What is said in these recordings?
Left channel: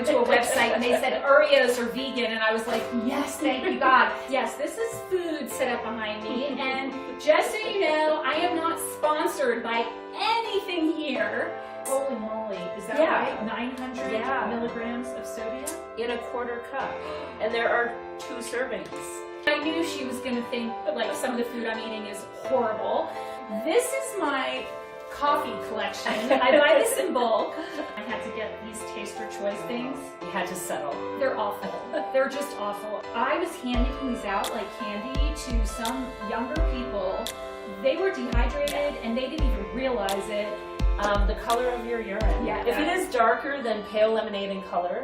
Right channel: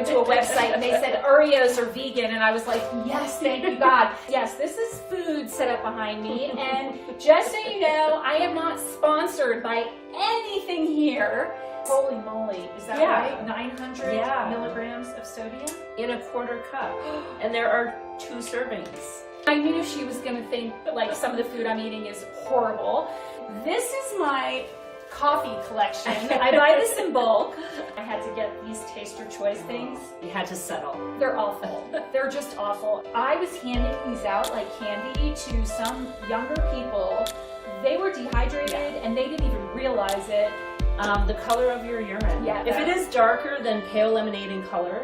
went to a website and they said Oreos are vegan, and I was like, yes, thank you God. Yes, this is food set up behind me, and just so you know, I am not sponsored by anything here. Holy moly, is that right? 900 milligrams of sodium? In a quarter cup. And there are 2 servings. I knew she was gonna think like some of the food I'm eating is horrible. This is my coffee collection. I buy this in bulk. I had to get these taster choice things. You had to settle. They're awful. They're just awful. I was handing these out like candy to some younger people. They were dehydrated and they didn't even realize it. The color of your urine. Yeah, if it is darker than pale lemonade in color,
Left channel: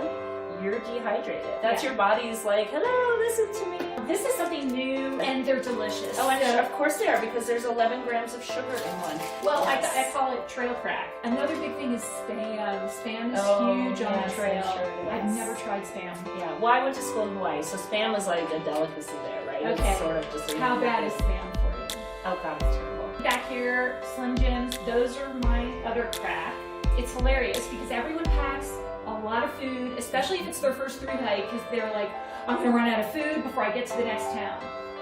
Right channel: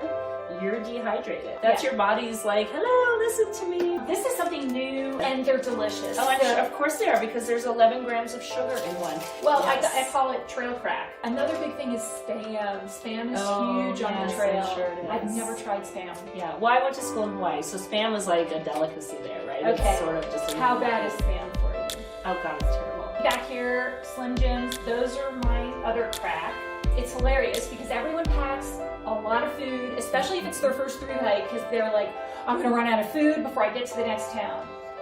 you're dehydrated. That's your body's like, hello, listen to me. This is something new, and they're delicious. Oh, so, of course they are, because there's 11 grams of sugar in one. Well, I call it trail crack. Another big thing is Spam. Spam is huge on the trail. I'm sure it is. I've never tried Spam. Yeah, well, I went to school in Hawaii, so Spam was like a delicacy there, right? Okay. It's sort of just a How bad is Spam for you? Oh God, it's terrible. Back here, Slim Jims, those are my other crack. It's hilarious because everyone packs a lot of food, especially if it's their first thru hike, because they're like, I'm gonna run out of food before I get to the next town.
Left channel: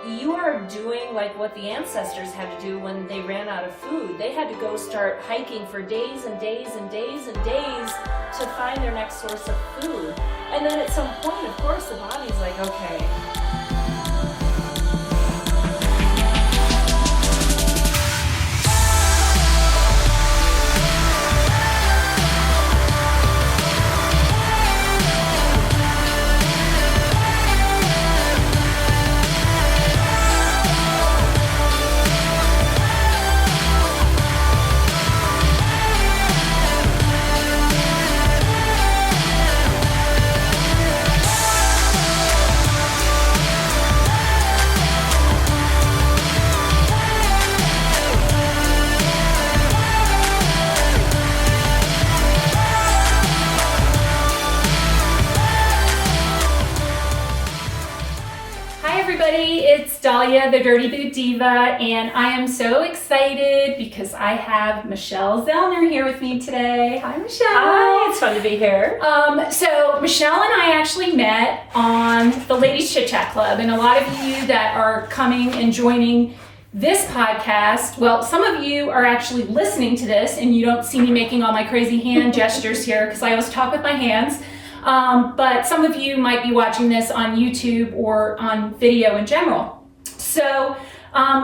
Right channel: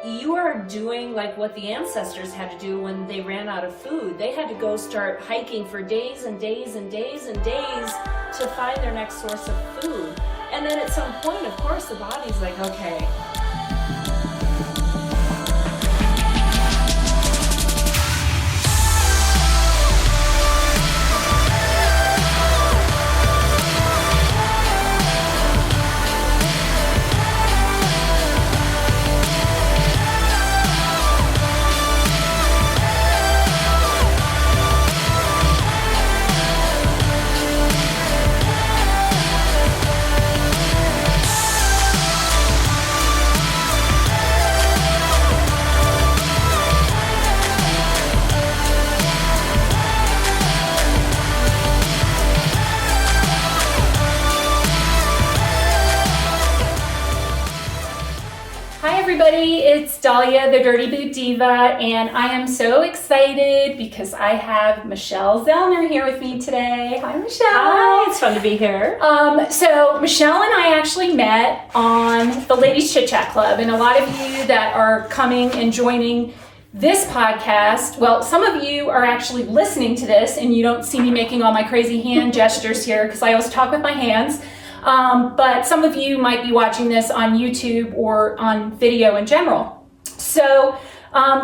You are doing like what the ancestors had to do when they ran out of food. They had to go start hiking for days and days and days and days to find their next source of food. And then at some point, of course, the body's like, okay. It's Dahlia, the Dirty Boot Diva, and I am so excited because I have Michelle Zellner here with me today. Hi, Michelle. Hi, it's fun to be here. So Michelle and I actually met on the Ladies Chit Chat Club, and a lot of you that are coming and joining this podcast, well, some of you are actually listening to this, and you don't see me making all my crazy hand gestures here because I always talk with my hands. But some of you might be watching this on YouTube or on video in general. So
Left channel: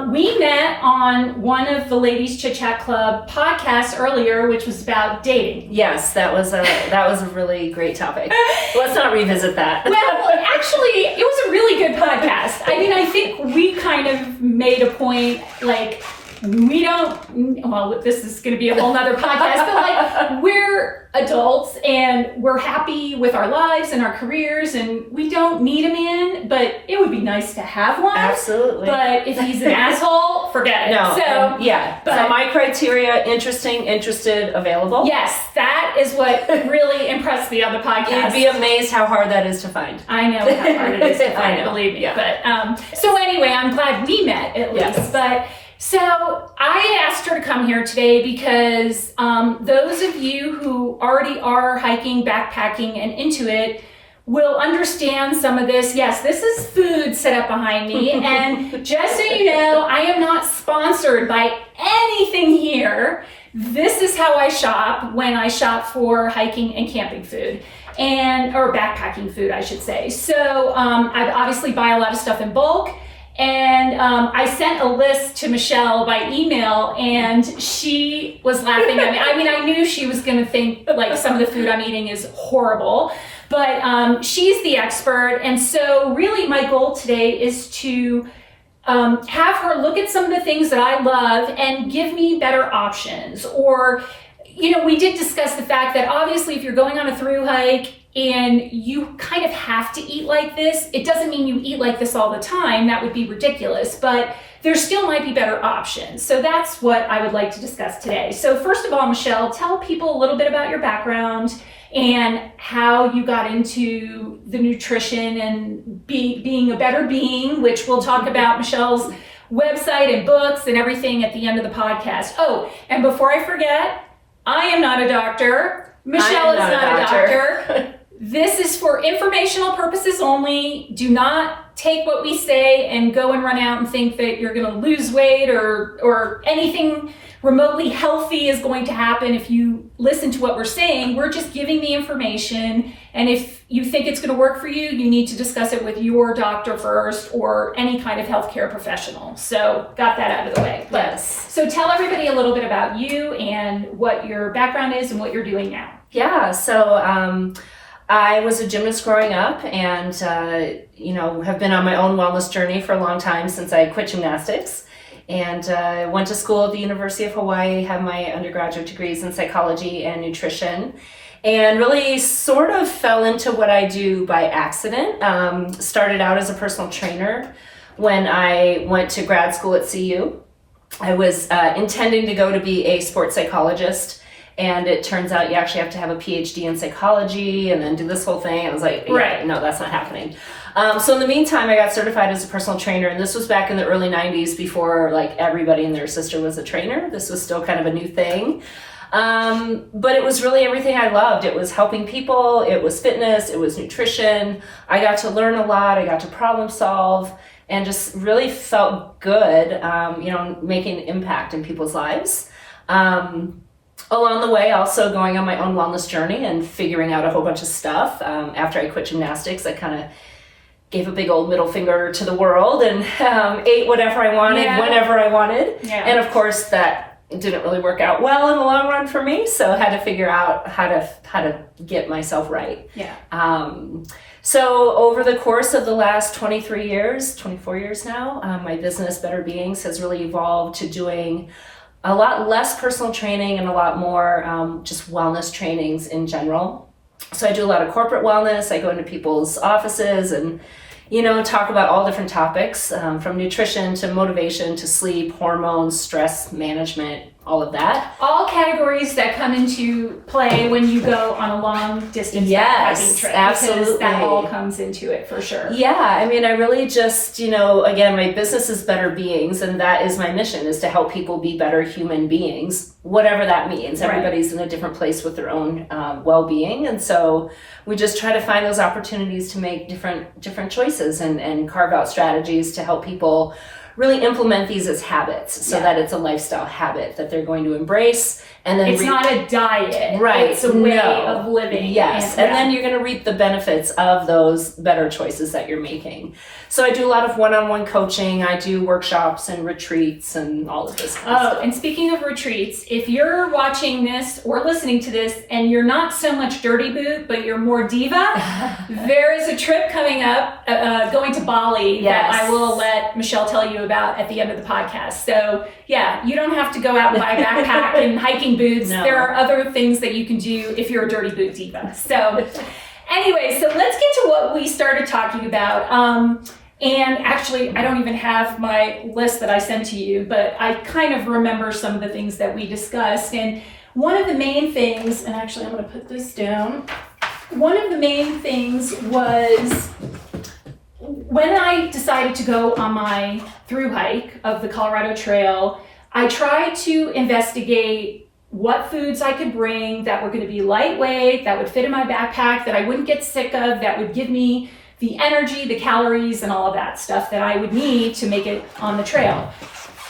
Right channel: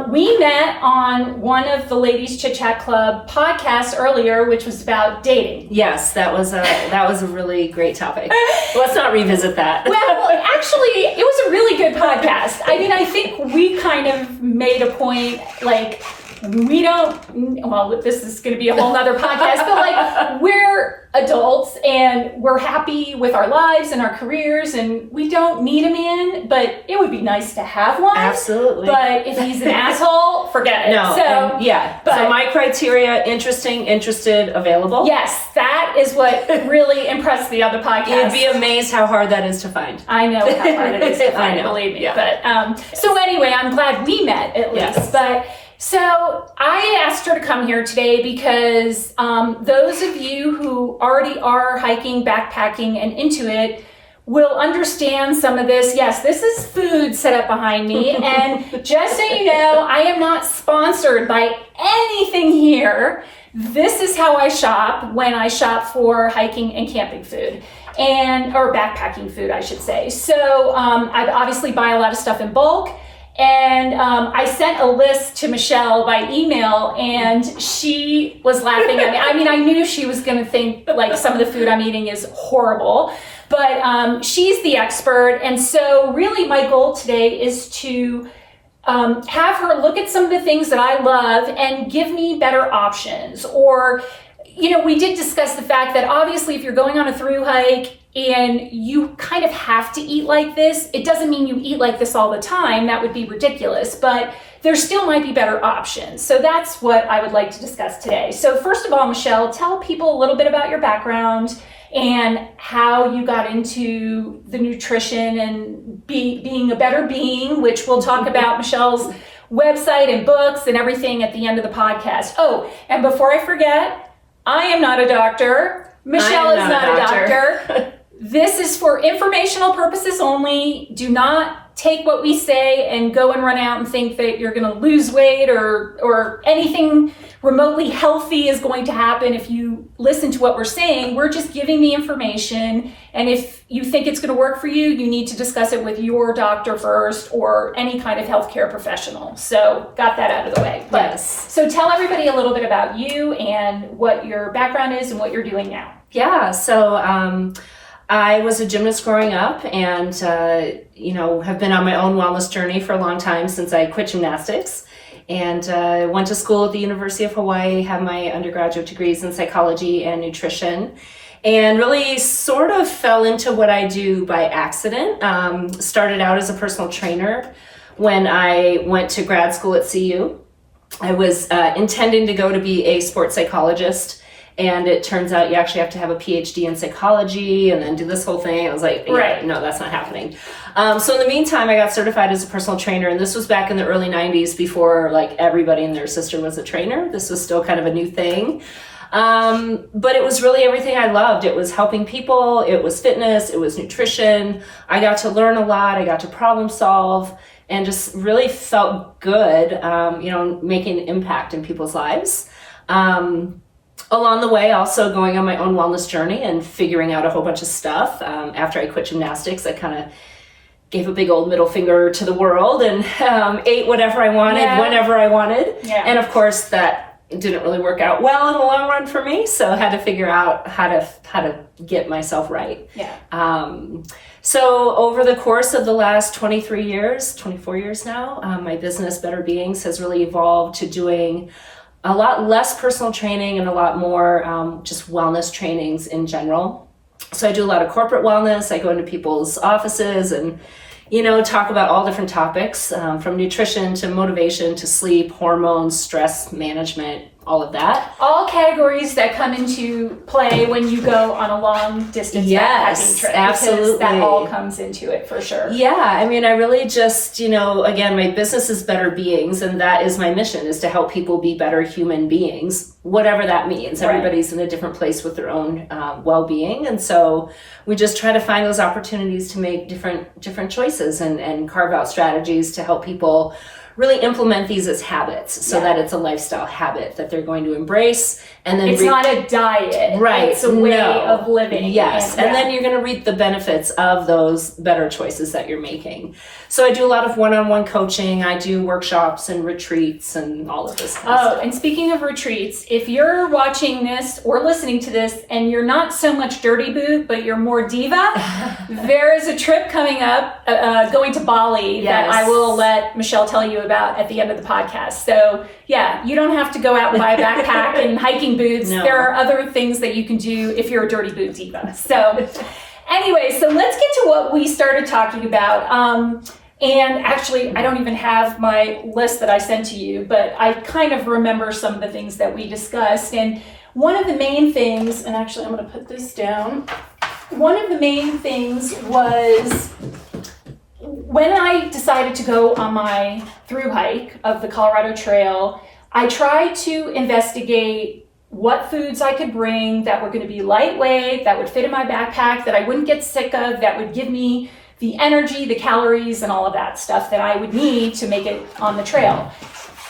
we met on one of the Ladies Chit Chat Club podcasts earlier, which was about dating. Yes, that was a really great topic. Let's not revisit that. Well, actually, it was a really good podcast. I mean, I think we kind of made a point, like, we don't, well, this is going to be a whole nother podcast, but like, we're adults and we're happy with our lives and our careers, and we don't need a man, but it would be nice to have one. Absolutely. But if he's an asshole, forget it. No, so my criteria: interested, available. Yes, that is what really impressed me on the podcast. You'd be amazed how hard that is to find. I know how hard it is to find, I know. Believe me. Yeah. But so anyway, I'm glad we met at least. Yes. But so I asked her to come here today because those of you who already are hiking, backpacking, and into it will understand some of this. Yes, this is food set up behind me. And just so you know, I am not sponsored by anything here. This is how I shop when I shop for hiking and camping food. Or backpacking food, I should say. So I obviously buy a lot of stuff in bulk. And I sent a list to Michelle by email, and she was laughing at me. I mean, I knew she was going to think like some of the food I'm eating is horrible, but she's the expert. And so really my goal today is to have her look at some of the things that I love and give me better options. Or, you know, we did discuss the fact that obviously if you're going on a thru hike and you kind of have to eat like this, it doesn't mean you eat like this all the time. That would be ridiculous, but there still might be better options. So that's what I would like to discuss today. So first of all, Michelle, tell people a little bit about your background and how you got into the nutrition and being a better being, which we'll talk about Michelle's website and books and everything at the end of the podcast. Oh, and before I forget, I am not a doctor. Michelle is not a doctor. This is for informational purposes only. Do not take what we say and go and run out and think that you're going to lose weight or anything remotely healthy is going to happen if you listen to what we're saying. We're just giving the information, and if you think it's going to work for you, you need to discuss it with your doctor first or any kind of healthcare professional. So got that out of the way. Yes. So tell everybody a little bit about you and what your background is and what you're doing now. Yeah, so I was a gymnast growing up and, have been on my own wellness journey for a long time since I quit gymnastics. And went to school at the University of Hawaii, have my undergraduate degrees in psychology and nutrition, and really sort of fell into what I do by accident. Started out as a personal trainer when I went to grad school at CU. I was intending to go to be a sports psychologist, and it turns out you actually have to have a PhD in psychology and then do this whole thing. I was like, right. No, that's not happening. So in the meantime, I got certified as a personal trainer, and this was back in the early 90s before like everybody and their sister was a trainer. This was still kind of a new thing. But it was really everything I loved. It was helping people, it was fitness, it was nutrition. I got to learn a lot, I got to problem solve, and just really felt good, making an impact in people's lives. Along the way, also going on my own wellness journey and figuring out a whole bunch of stuff. After I quit gymnastics, I kind of gave a big old middle finger to the world and ate whatever I wanted, whenever I wanted. Yeah. And of course, that didn't really work out well in the long run for me. So I had to figure out how to get myself right. Yeah. So over the course of the last 24 years now, my business, Better Beings, has really evolved to doing a lot less personal training and a lot more just wellness trainings in general. So I do a lot of corporate wellness. I go into people's offices and, talk about all different topics, from nutrition to motivation to sleep, hormones, stress management, all of that. All categories that come into play when you go on a long distance backpacking trip. Absolutely. Because that all comes into it for sure. Yeah, I mean, I really just, again, my business is Better Beings, and that is my mission, is to help people be better human beings, whatever that means. Right. Everybody's in a different place with their own well-being, and so we just try to find those opportunities to make different choices and carve out strategies to help people really implement these as habits so that it's a lifestyle habit that they're going to embrace. And then it's not a diet, right? It's a way of living. Yes, and then you're going to reap the benefits of those better choices that you're making. So I do a lot of one-on-one coaching. I do workshops and retreats and all of this kind of stuff. And speaking of retreats, if you're watching this or listening to this and you're not so much Dirty Boot, but you're more Diva, there is a trip coming up, going to Bali that I will let Michelle tell you about at the end of the podcast. So yeah, you don't have to go out and buy a backpack and hiking boots. No. There are other things that you can do if you're a Dirty Boot Diva. So anyway, so let's get to what we started talking about. And actually, I don't even have my list that I sent to you, but I kind of remember some of the things that we discussed. And one of the main things, and actually I'm going to put this down. One of the main things was when I decided to go on my thru-hike of the Colorado Trail, I tried to investigate what foods I could bring that were going to be lightweight, that would fit in my backpack, that I wouldn't get sick of, that would give me the energy, the calories, and all of that stuff that I would need to make it on the trail.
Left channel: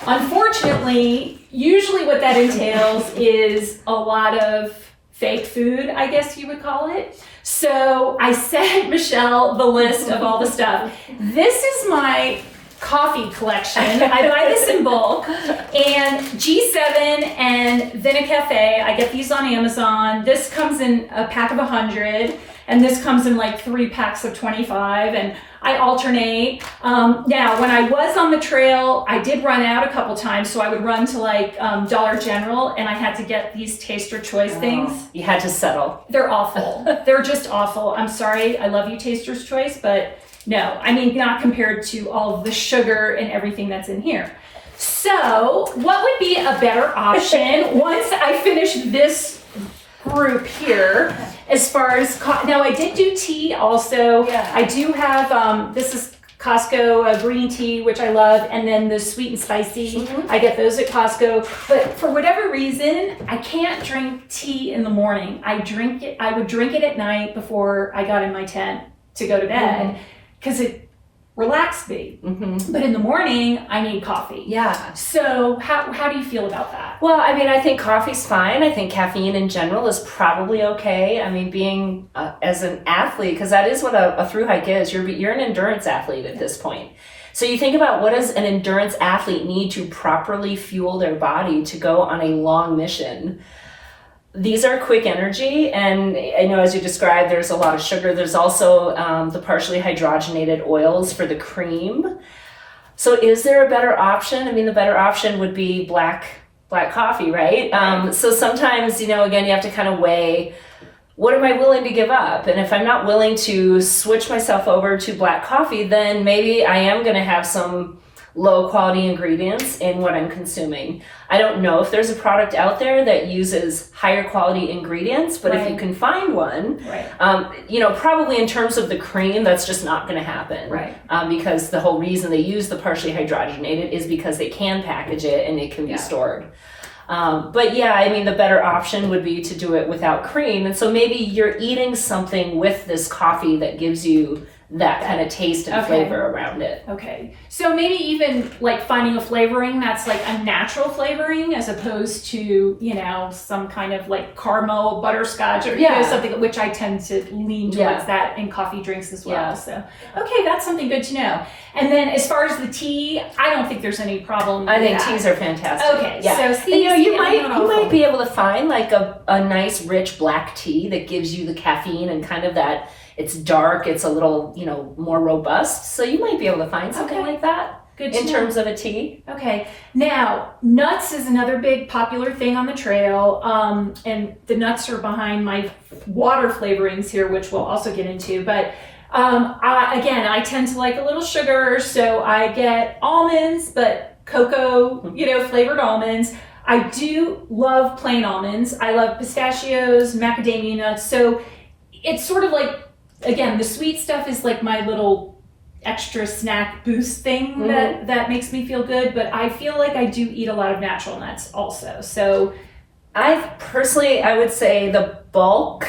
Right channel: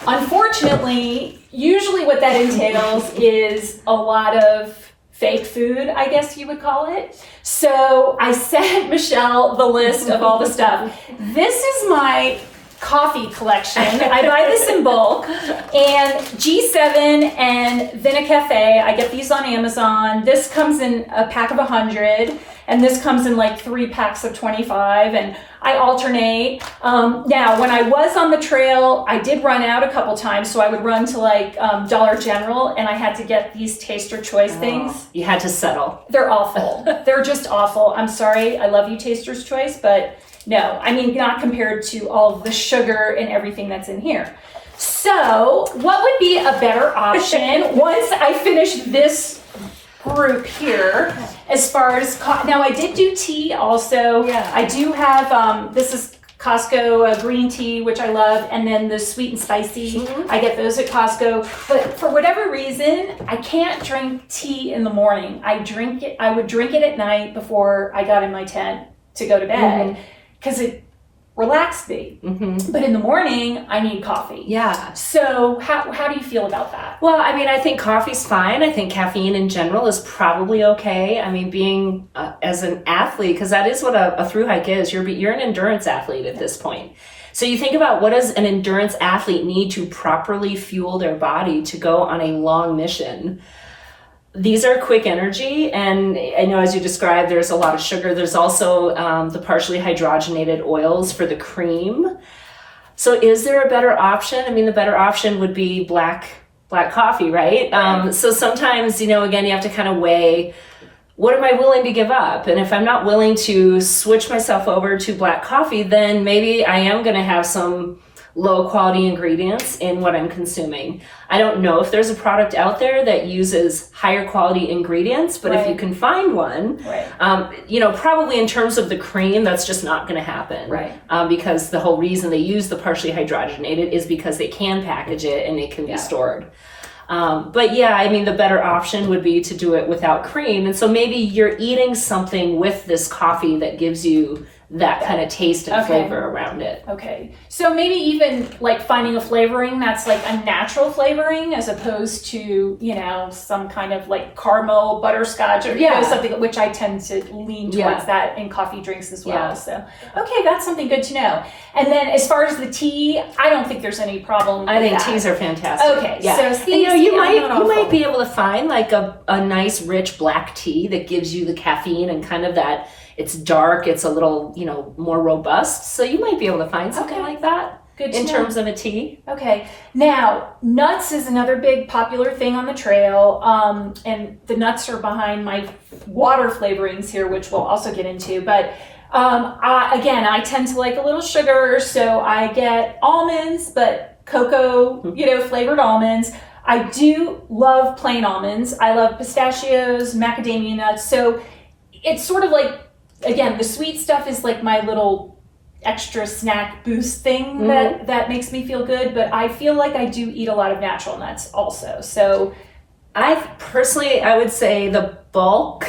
Unfortunately, usually what that entails is a lot of fake food, I guess you would call it. So I sent Michelle the list of all the stuff. This is my coffee collection. I buy this in bulk. And G7 and Vinacafe, I get these on Amazon. This comes in a pack of 100, and this comes in like 3 packs of 25, and I alternate. Now, when I was on the trail, I did run out a couple times, so I would run to like Dollar General, and I had to get these Taster Choice things. You had to settle. They're awful. They're just awful. I'm sorry. I love you, Taster's Choice, but no, I mean, not compared to all the sugar and everything that's in here. So what would be a better option once I finish this group here as far as now I did do tea also. I do have this is Costco green tea, which I love, and then the sweet and spicy. I get those at Costco. But for whatever reason, I can't drink tea in the morning. I would drink it at night before I got in my tent to go to bed because it relaxed me. But in the morning, I need coffee. Yeah. So how do you feel about that? Well, I mean, I think coffee's fine. I think caffeine in general is probably okay. I mean, being as an athlete, because that is what a thru hike is. You're an endurance athlete at this point. So you think about, what does an endurance athlete need to properly fuel their body to go on a long mission? These are quick energy, and I know, as you described, there's a lot of sugar. There's also the partially hydrogenated oils for the cream. So is there a better option? I mean, the better option would be black coffee, right? So sometimes, again, you have to kind of weigh, what am I willing to give up? And if I'm not willing to switch myself over to black coffee, then maybe I am going to have some low quality ingredients in what I'm consuming. I don't know if there's a product out there that uses higher quality ingredients, but if you can find one, probably in terms of the cream, that's just not going to happen. Because the whole reason they use the partially hydrogenated is because they can package it and it can be stored. But yeah, I mean, the better option would be to do it without cream. And so maybe you're eating something with this coffee that gives you that kind of taste and flavor around it. Okay. So maybe even like finding a flavoring that's like a natural flavoring as opposed to, some kind of like caramel butterscotch or something, which I tend to lean towards that in coffee drinks as well. So, okay, that's something good to know. And then as far as the tea, I don't think there's any problem I think with that. teas are fantastic. Okay. Yeah. So you might be able to find like a nice rich black tea that gives you the caffeine and kind of that. It's dark, it's a little, more robust. So you might be able to find something like that. Good in terms of a tea. Okay. Now, nuts is another big popular thing on the trail. And the nuts are behind my water flavorings here, which we'll also get into. But I tend to like a little sugar. So I get almonds, but cocoa, flavored almonds. I do love plain almonds. I love pistachios, macadamia nuts. So it's sort of like, again, the sweet stuff is like my little extra snack boost thing that makes me feel good, but I feel like I do eat a lot of natural nuts also. So I would say the bulk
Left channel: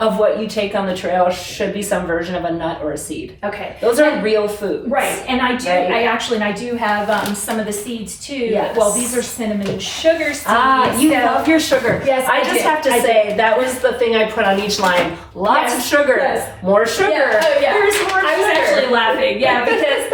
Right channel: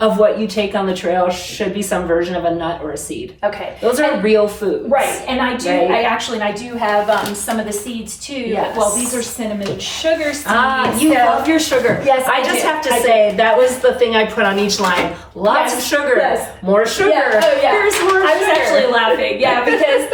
of what you take on the trail should be some version of a nut or a seed. Okay. Those are real foods. Right. And I do have some of the seeds too. Yes. Well, these are cinnamon sugar seeds. You love your sugar. Yes, I just have to say that was the thing I put on each line. Lots of sugar. Yes. More sugar. Yeah. Oh, yeah. Here's more sugar. I was actually laughing. Yeah, because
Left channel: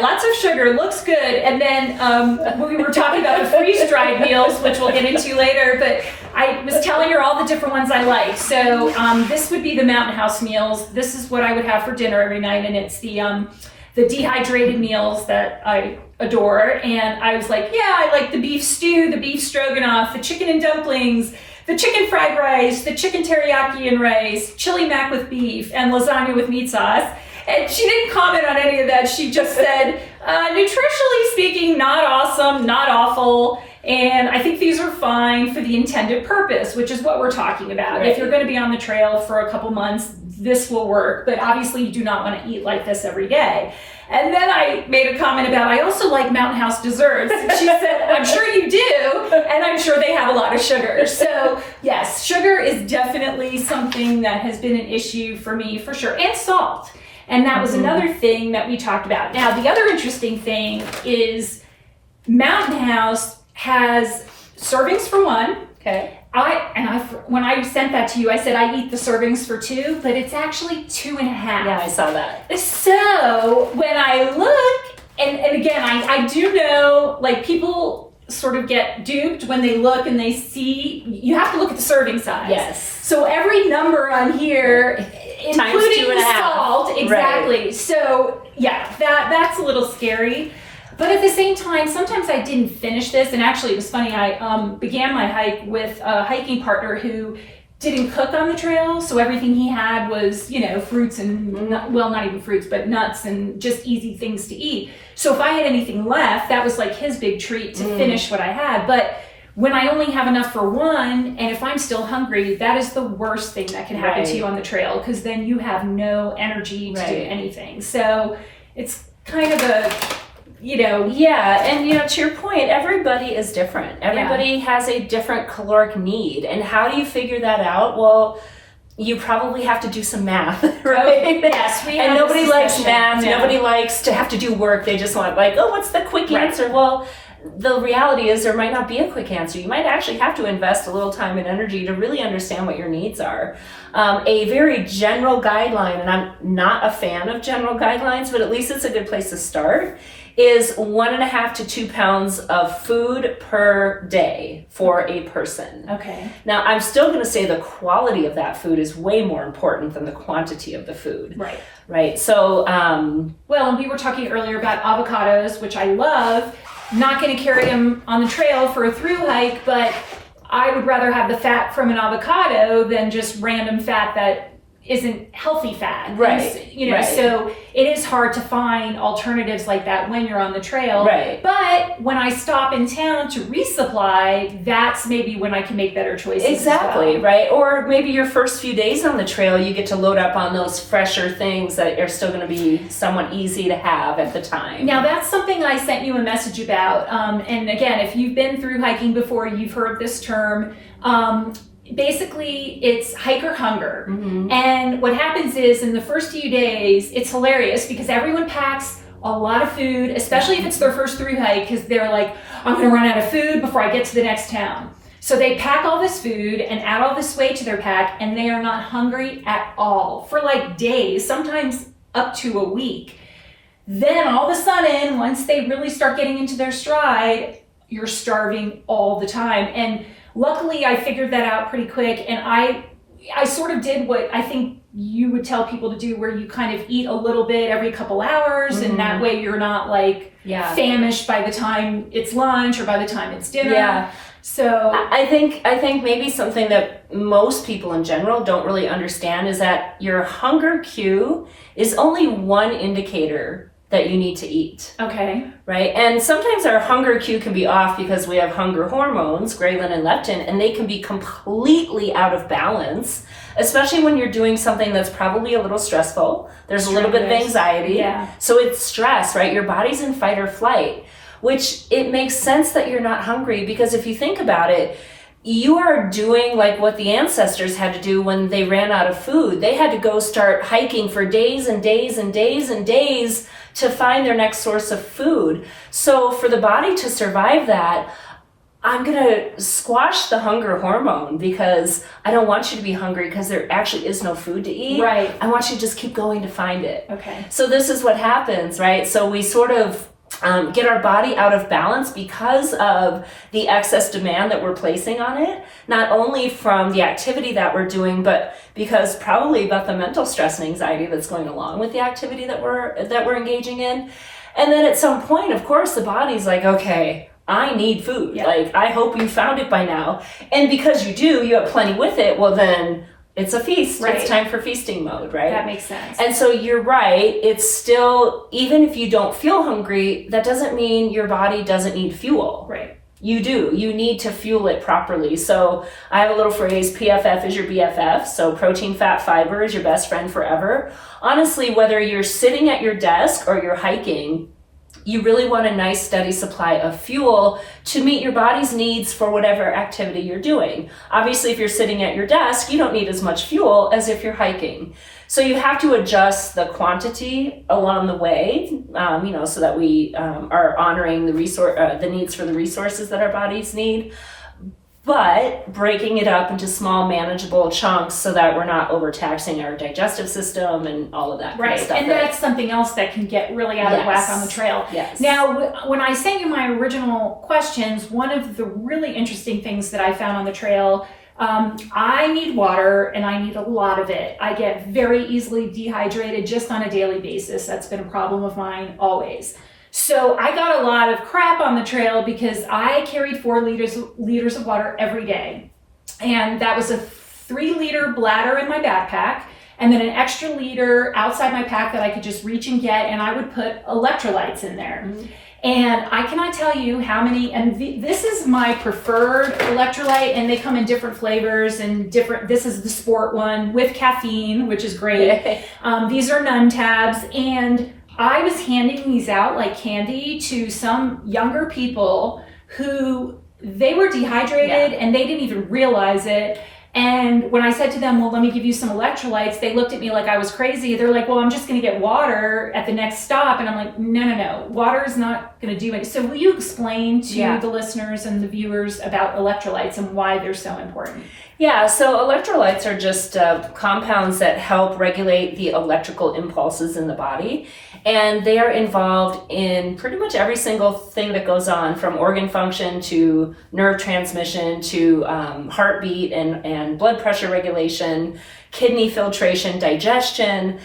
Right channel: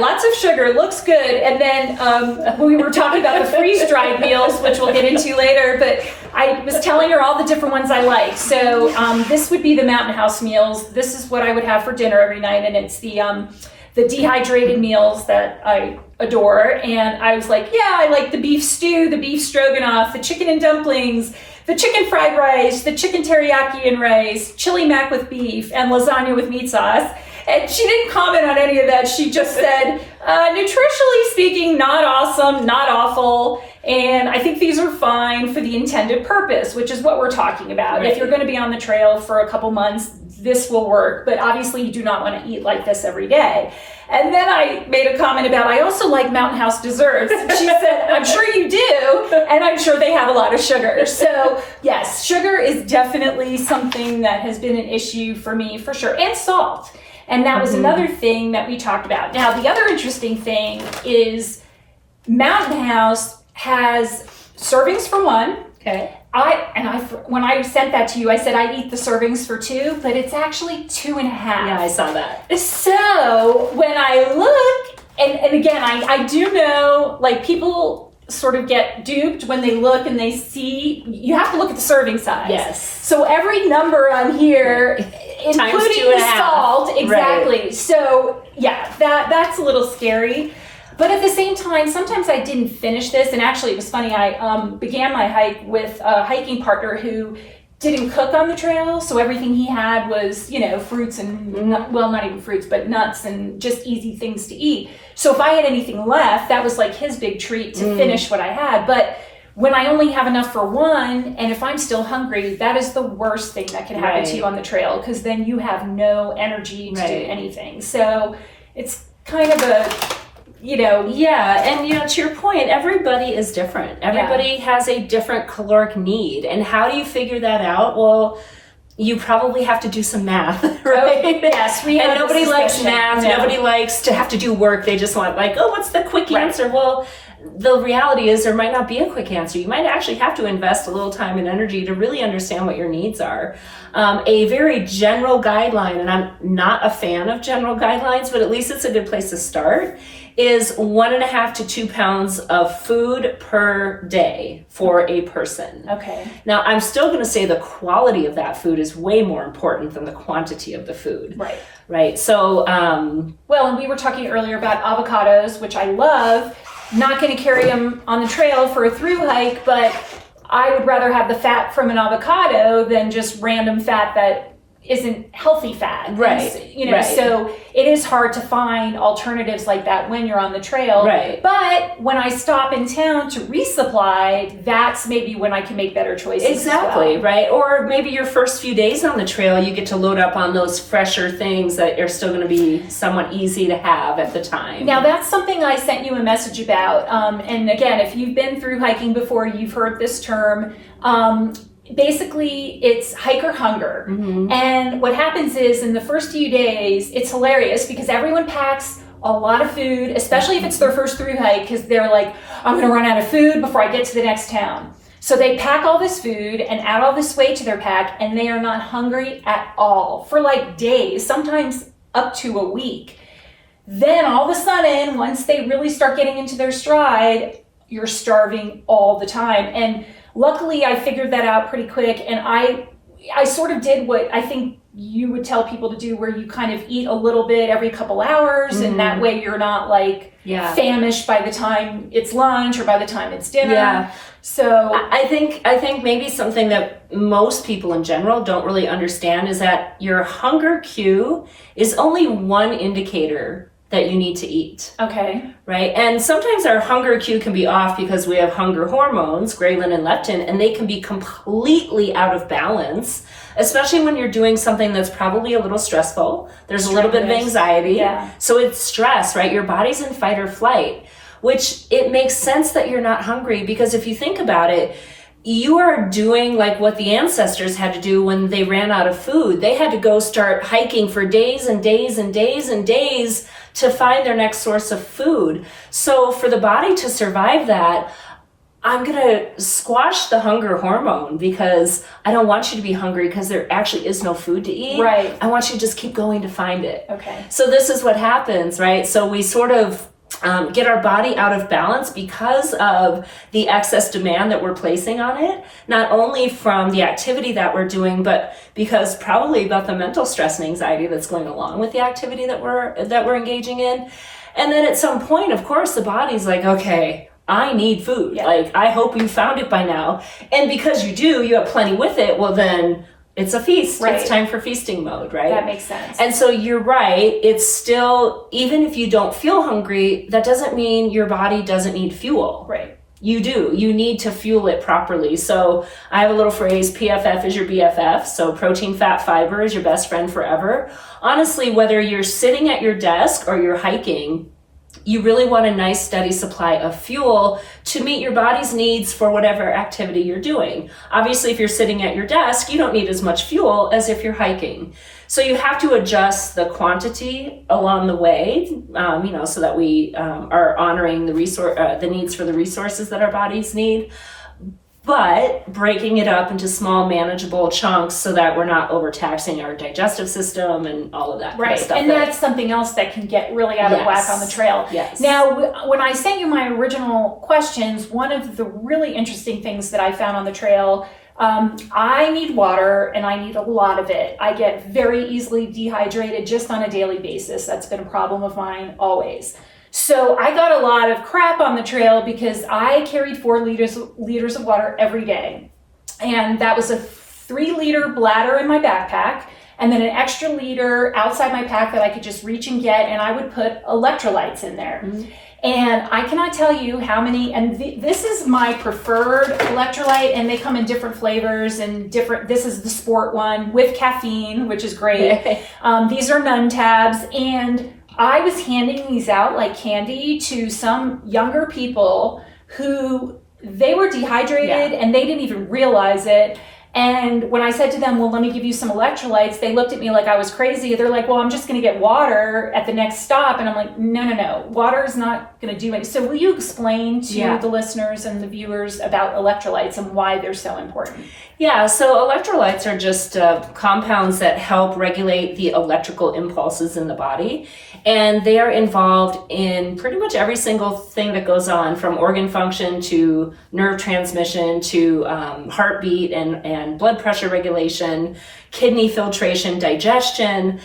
lots of sugar, looks good. And then we were talking about the freeze-dried meals, which we'll get into later, but I was telling her all the different ones I like. So this would be the Mountain House meals. This is what I would have for dinner every night, and it's the dehydrated meals that I adore. And I was like, I like the beef stew, the beef stroganoff, the chicken and dumplings, the chicken fried rice, the chicken teriyaki and rice, chili mac with beef, and lasagna with meat sauce. And she didn't comment on any of that. She just said, nutritionally speaking, not awesome, not awful. And I think these are fine for the intended purpose, which is what we're talking about. Right. If you're going to be on the trail for a couple months, this will work. But obviously, you do not want to eat like this every day. And then I made a comment about, I also like Mountain House desserts. She said, I'm sure you do, and I'm sure they have a lot of sugar. So yes, sugar is definitely something that has been an issue for me for sure, and salt. And that was another thing that we talked about. Now, the other interesting thing is Mountain House has servings for one. Okay. When I sent that to you, I said I eat the servings for 2, but it's actually 2.5. Yeah, I saw that. So when I look, and again, I do know, like, people sort of get duped when they look and they see, you have to look at the serving size. Yes. So every number on here, including the salt, exactly. Right. So yeah, that's a little scary. But at the same time, sometimes I didn't finish this. And actually, it was funny. I began my hike with a hiking partner who didn't cook on the trail. So everything he had was, fruits and, not even fruits, but nuts and just easy things to eat. So if I had anything left, that was like his big treat to finish what I had. But when I only have enough for one, and if I'm still hungry, that is the worst thing that can happen to you on the trail, because then you have no energy to do anything. So it's kind of a, Yeah, and to your point, everybody is different. Everybody has a different caloric need. And how do you figure that out? Well, you probably have to do some math, right? Okay. Yes, we have. And nobody likes math. No. Nobody likes to have to do work. They just want what's the quick answer? Well, the reality is there might not be a quick answer. You might actually have to invest a little time and energy to really understand what your needs are. A very general guideline, and I'm not a fan of general guidelines, but at least it's a good place to start, is 1.5 to 2 pounds of food per day for a person. Okay. Now, I'm still going to say the quality of that food is way more important than the quantity of the food. Right. Right. So, well, and we were talking earlier about avocados, which I love. Not going to carry them on the trail for a through hike, but I would rather have the fat from an avocado than just random fat that isn't healthy fat. Right. So it is hard to find alternatives like that when you're on the trail. Right. But when I stop in town to resupply, that's maybe when I can make better choices. Exactly, right? Or maybe your first few days on the trail, you get to load up on those fresher things that are still going to be somewhat easy to have at the time. Now, that's something I sent you a message about. And again, if you've been through hiking before, you've heard this term. Basically, it's hiker hunger. Mm-hmm. And what happens is in the first few days, it's hilarious because everyone packs a lot of food, especially if it's their first through hike, because they're like, I'm going to run out of food before I get to the next town. So they pack all this food and add all this weight to their pack, and they are not hungry at all for days, sometimes up to a week. Then all of a sudden, once they really start getting into their stride, you're starving all the time. And luckily, I figured that out pretty quick, and I sort of did what I think you would tell people to do, where you kind of eat a little bit every couple hours, mm-hmm. and that way you're not famished by the time it's lunch or by the time it's dinner. Yeah. So I think maybe something that most people in general don't really understand is that your hunger cue is only one indicator that you need to eat. Okay. Right? And sometimes our hunger cue can be off because we have hunger hormones, ghrelin and leptin, and they can be completely out of balance, especially when you're doing something that's probably a little stressful. There's a little bit of anxiety. Yeah. So it's stress, right? Your body's in fight or flight, which it makes sense that you're not hungry, because if you think about it, you are doing what the ancestors had to do when they ran out of food. They had to go start hiking for days and days and days and days to find their next source of food. So for the body to survive that, I'm going to squash the hunger hormone, because I don't want you to be hungry because there actually is no food to eat. Right. I want you to just keep going to find it. Okay. So this is what happens, right? So we sort of get our body out of balance because of the excess demand that we're placing on it, not only from the activity that we're doing, but because probably about the mental stress and anxiety that's going along with the activity that we're engaging in. And then at some point, of course, the body's like, okay, I need food. Yeah. I hope you found it by now. And because you do, you have plenty with it. Well, then it's a feast. Right. It's time for feasting mode, right? That makes sense. And so you're right. It's still, even if you don't feel hungry, that doesn't mean your body doesn't need fuel. Right. You do. You need to fuel it properly. So I have a little phrase, PFF is your BFF. So protein, fat, fiber is your best friend forever. Honestly, whether you're sitting at your desk or you're hiking, you really want a nice steady supply of fuel to meet your body's needs for whatever activity you're doing. Obviously, if you're sitting at your desk, you don't need as much fuel as if you're hiking. So you have to adjust the quantity along the way, so that we are honoring the needs for the resources that our bodies need, but breaking it up into small, manageable chunks so that we're not overtaxing our digestive system and all of that kind of stuff. And that's something else that can get really out of whack on the trail. Yes. Now, when I sent you my original questions, one of the really interesting things that I found on the trail, I need water, and I need a lot of it. I get very easily dehydrated just on a daily basis. That's been a problem of mine always. So I got a lot of crap on the trail because I carried 4 liters of water every day. And that was a 3-liter bladder in my backpack, and then an extra liter outside my pack that I could just reach and get, and I would put electrolytes in there. Mm-hmm. And I cannot tell you how many, and this is my preferred electrolyte, and they come in different flavors and this is the sport one with caffeine, which is great. These are Nunn tabs, and I was handing these out like candy to some younger people who they were dehydrated and they didn't even realize it. And when I said to them, well, let me give you some electrolytes, they looked at me like I was crazy. They're like, well, I'm just going to get water at the next stop. And I'm like, no. Water is not going to do it. So will you explain to the listeners and the viewers about electrolytes and why they're so important? Yeah, so electrolytes are just compounds that help regulate the electrical impulses in the body. And they are involved in pretty much every single thing that goes on, from organ function to nerve transmission to heartbeat and blood pressure regulation, kidney filtration, digestion.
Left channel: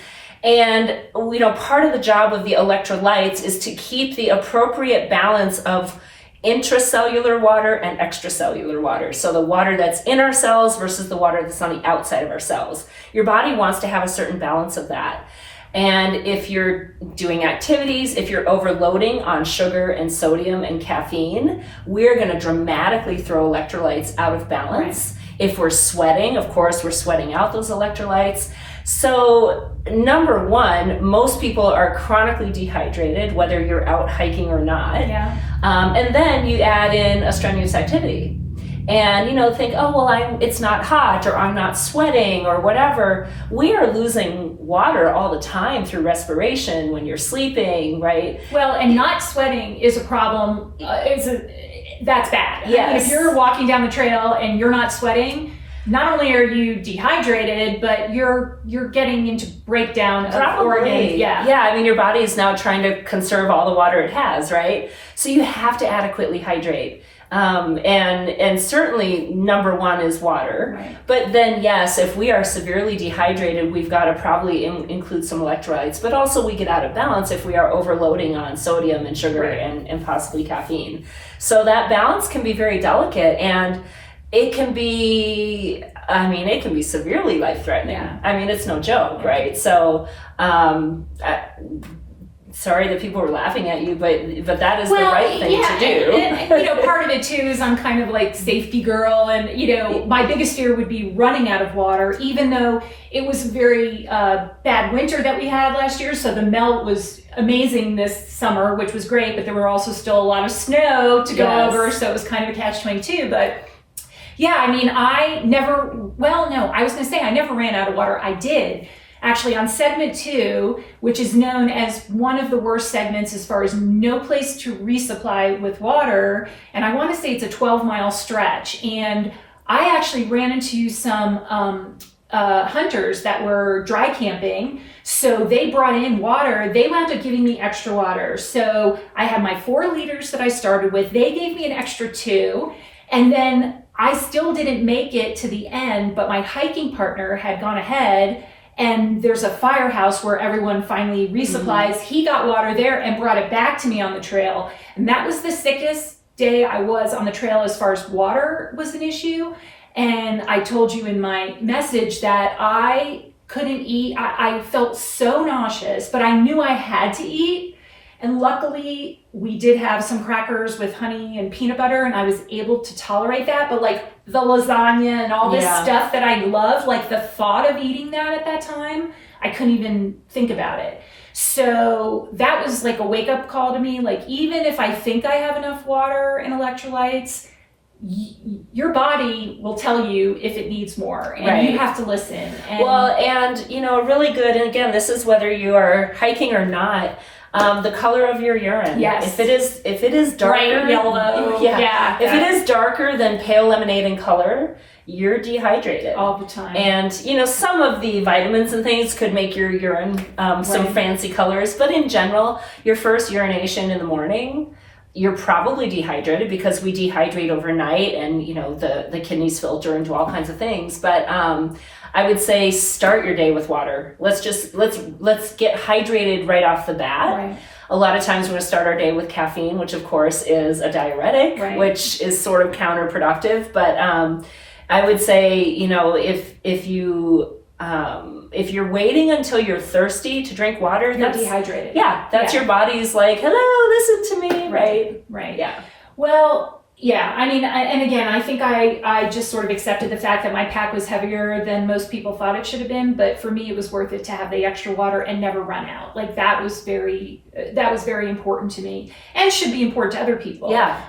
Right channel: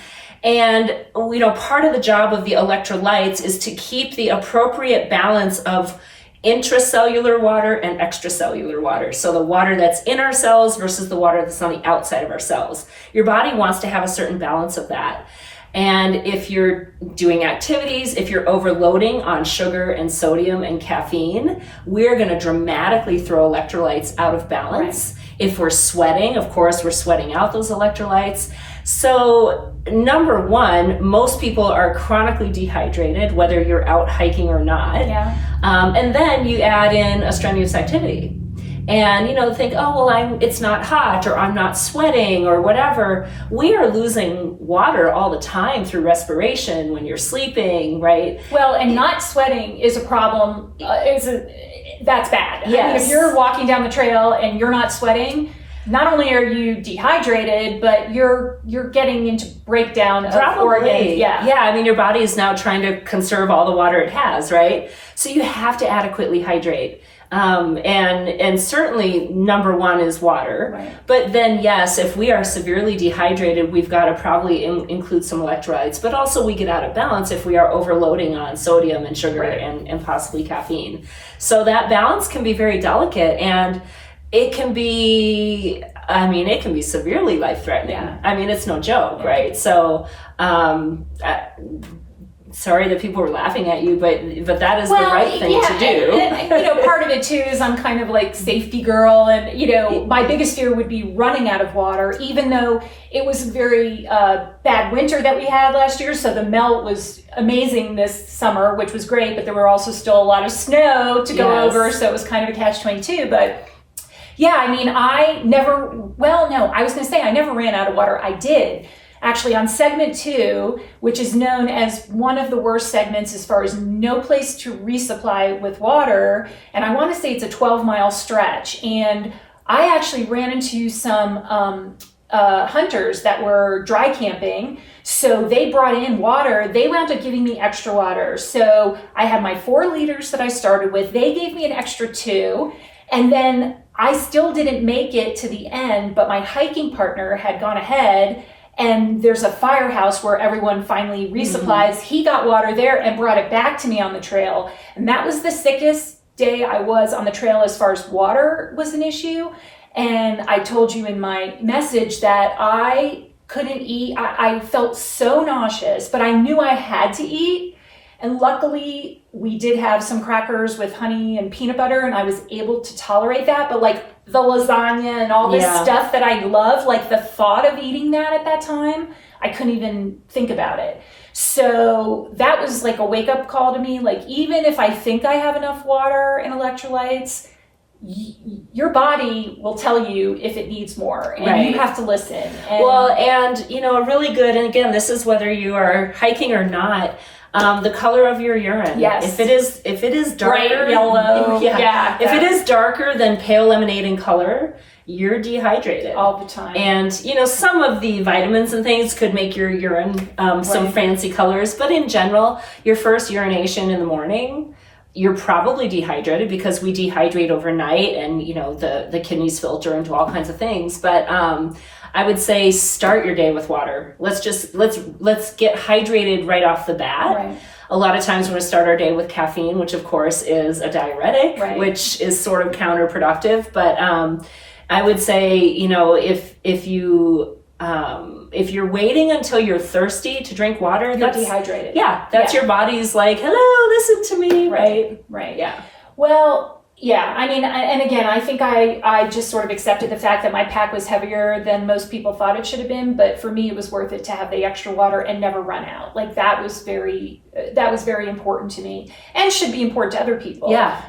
And, part of the job of the electrolytes is to keep the appropriate balance of intracellular water and extracellular water. So the water that's in our cells versus the water that's on the outside of our cells. Your body wants to have a certain balance of that. And if you're doing activities, if you're overloading on sugar and sodium and caffeine, we're going to dramatically throw electrolytes out of balance. Right. If we're sweating, of course, we're sweating out those electrolytes. So number one, most people are chronically dehydrated, whether you're out hiking or not. Yeah. And then you add in a strenuous activity. And, think, oh, well, it's not hot, or I'm not sweating, or whatever. We are losing water all the time through respiration when you're sleeping, right? Well, and not sweating is a problem. That's bad. Yes. I mean, if you're walking down the trail and you're not sweating, not only are you dehydrated, but you're getting into breakdown of organs. Yeah. I mean, your body is now trying to conserve all the water it has, right? So you have to adequately hydrate. And certainly number one is water. Right. But then, yes, if we are severely dehydrated, we've got to probably include some electrolytes. But also we get out of balance if we are overloading on sodium and sugar and possibly caffeine. So that balance can be very delicate, and it can be severely life-threatening. Yeah. I mean, it's no joke, right? So, sorry that people were laughing at you, but that is the right thing to do. And part of it too is I'm kind of like safety girl, and my biggest fear would be running out of water, even though it was a very bad winter that we had last year. So the melt was amazing this summer, which was great, but there were also still a lot of snow to go over, so it was kind of a catch-22. But yeah, I mean, I never ran out of water. I did. Actually, on segment 2, which is known as one of the worst segments as far as no place to resupply with water, and I want to say it's a 12-mile stretch, and I actually ran into some hunters that were dry camping, so they brought in water. They wound up giving me extra water. So I had my 4 liters that I started with. They gave me an extra 2, and then I still didn't make it to the end, but my hiking partner had gone ahead, and there's a firehouse where everyone finally resupplies. Mm-hmm. He got water there and brought it back to me on the trail. And that was the sickest day I was on the trail as far as water was an issue. And I told you in my message that I couldn't eat. I felt so nauseous, but I knew I had to eat. And luckily, we did have some crackers with honey and peanut butter, and I was able to tolerate that. But like the lasagna and all this stuff that I love, like the thought of eating that at that time, I couldn't even think about it. So that was like a wake-up call to me. Like, even if I think I have enough water and electrolytes, your body will tell you if it needs more, and you have to listen. And a really good, and again, this is whether you are hiking or not, the color of your urine. Yes. If it is darker, bright yellow. If it is darker than pale lemonade in color, you're dehydrated all the time. And some of the vitamins and things could make your urine some fancy colors, but in general, your first urination in the morning, you're probably dehydrated, because we dehydrate overnight, and the kidneys filter into all kinds of things. But I would say start your day with water. Let's get hydrated right off the bat. Right. A lot of times we're going to start our day with caffeine, which of course is a diuretic, which is sort of counterproductive. But I would say, if you if you're waiting until you're thirsty to drink water, You're that's dehydrated. Yeah, that's your body's like, hello, listen to me, right? Right. Yeah. Well, yeah, I mean, and again, I think I just sort of accepted the fact that my pack was heavier than most people thought it should have been, but for me, it was worth it to have the extra water and never run out. Like that was very important to me, and should be important to other people. Yeah.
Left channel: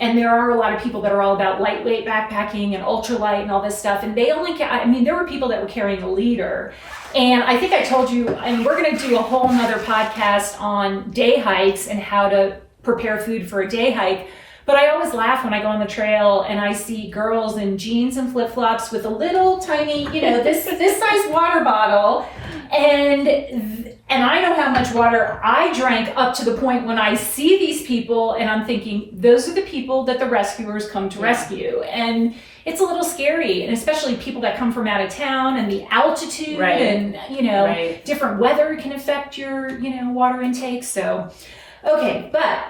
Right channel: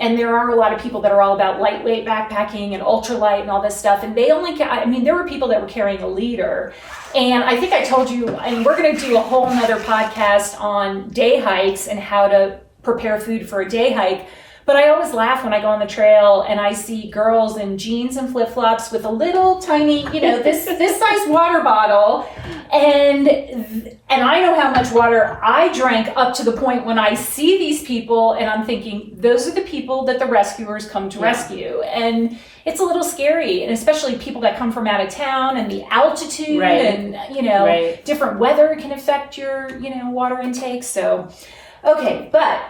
And there are a lot of people that are all about lightweight backpacking and ultralight and all this stuff, and they only, there were people that were carrying a liter. And I think I told you, and we're going to do a whole nother podcast on day hikes and how to prepare food for a day hike. But I always laugh when I go on the trail and I see girls in jeans and flip-flops with a little tiny, this size water bottle. And I know how much water I drank up to the point when I see these people and I'm thinking, those are the people that the rescuers come to rescue. And it's a little scary, and especially people that come from out of town and the altitude and, different weather can affect your, water intake. So, okay, but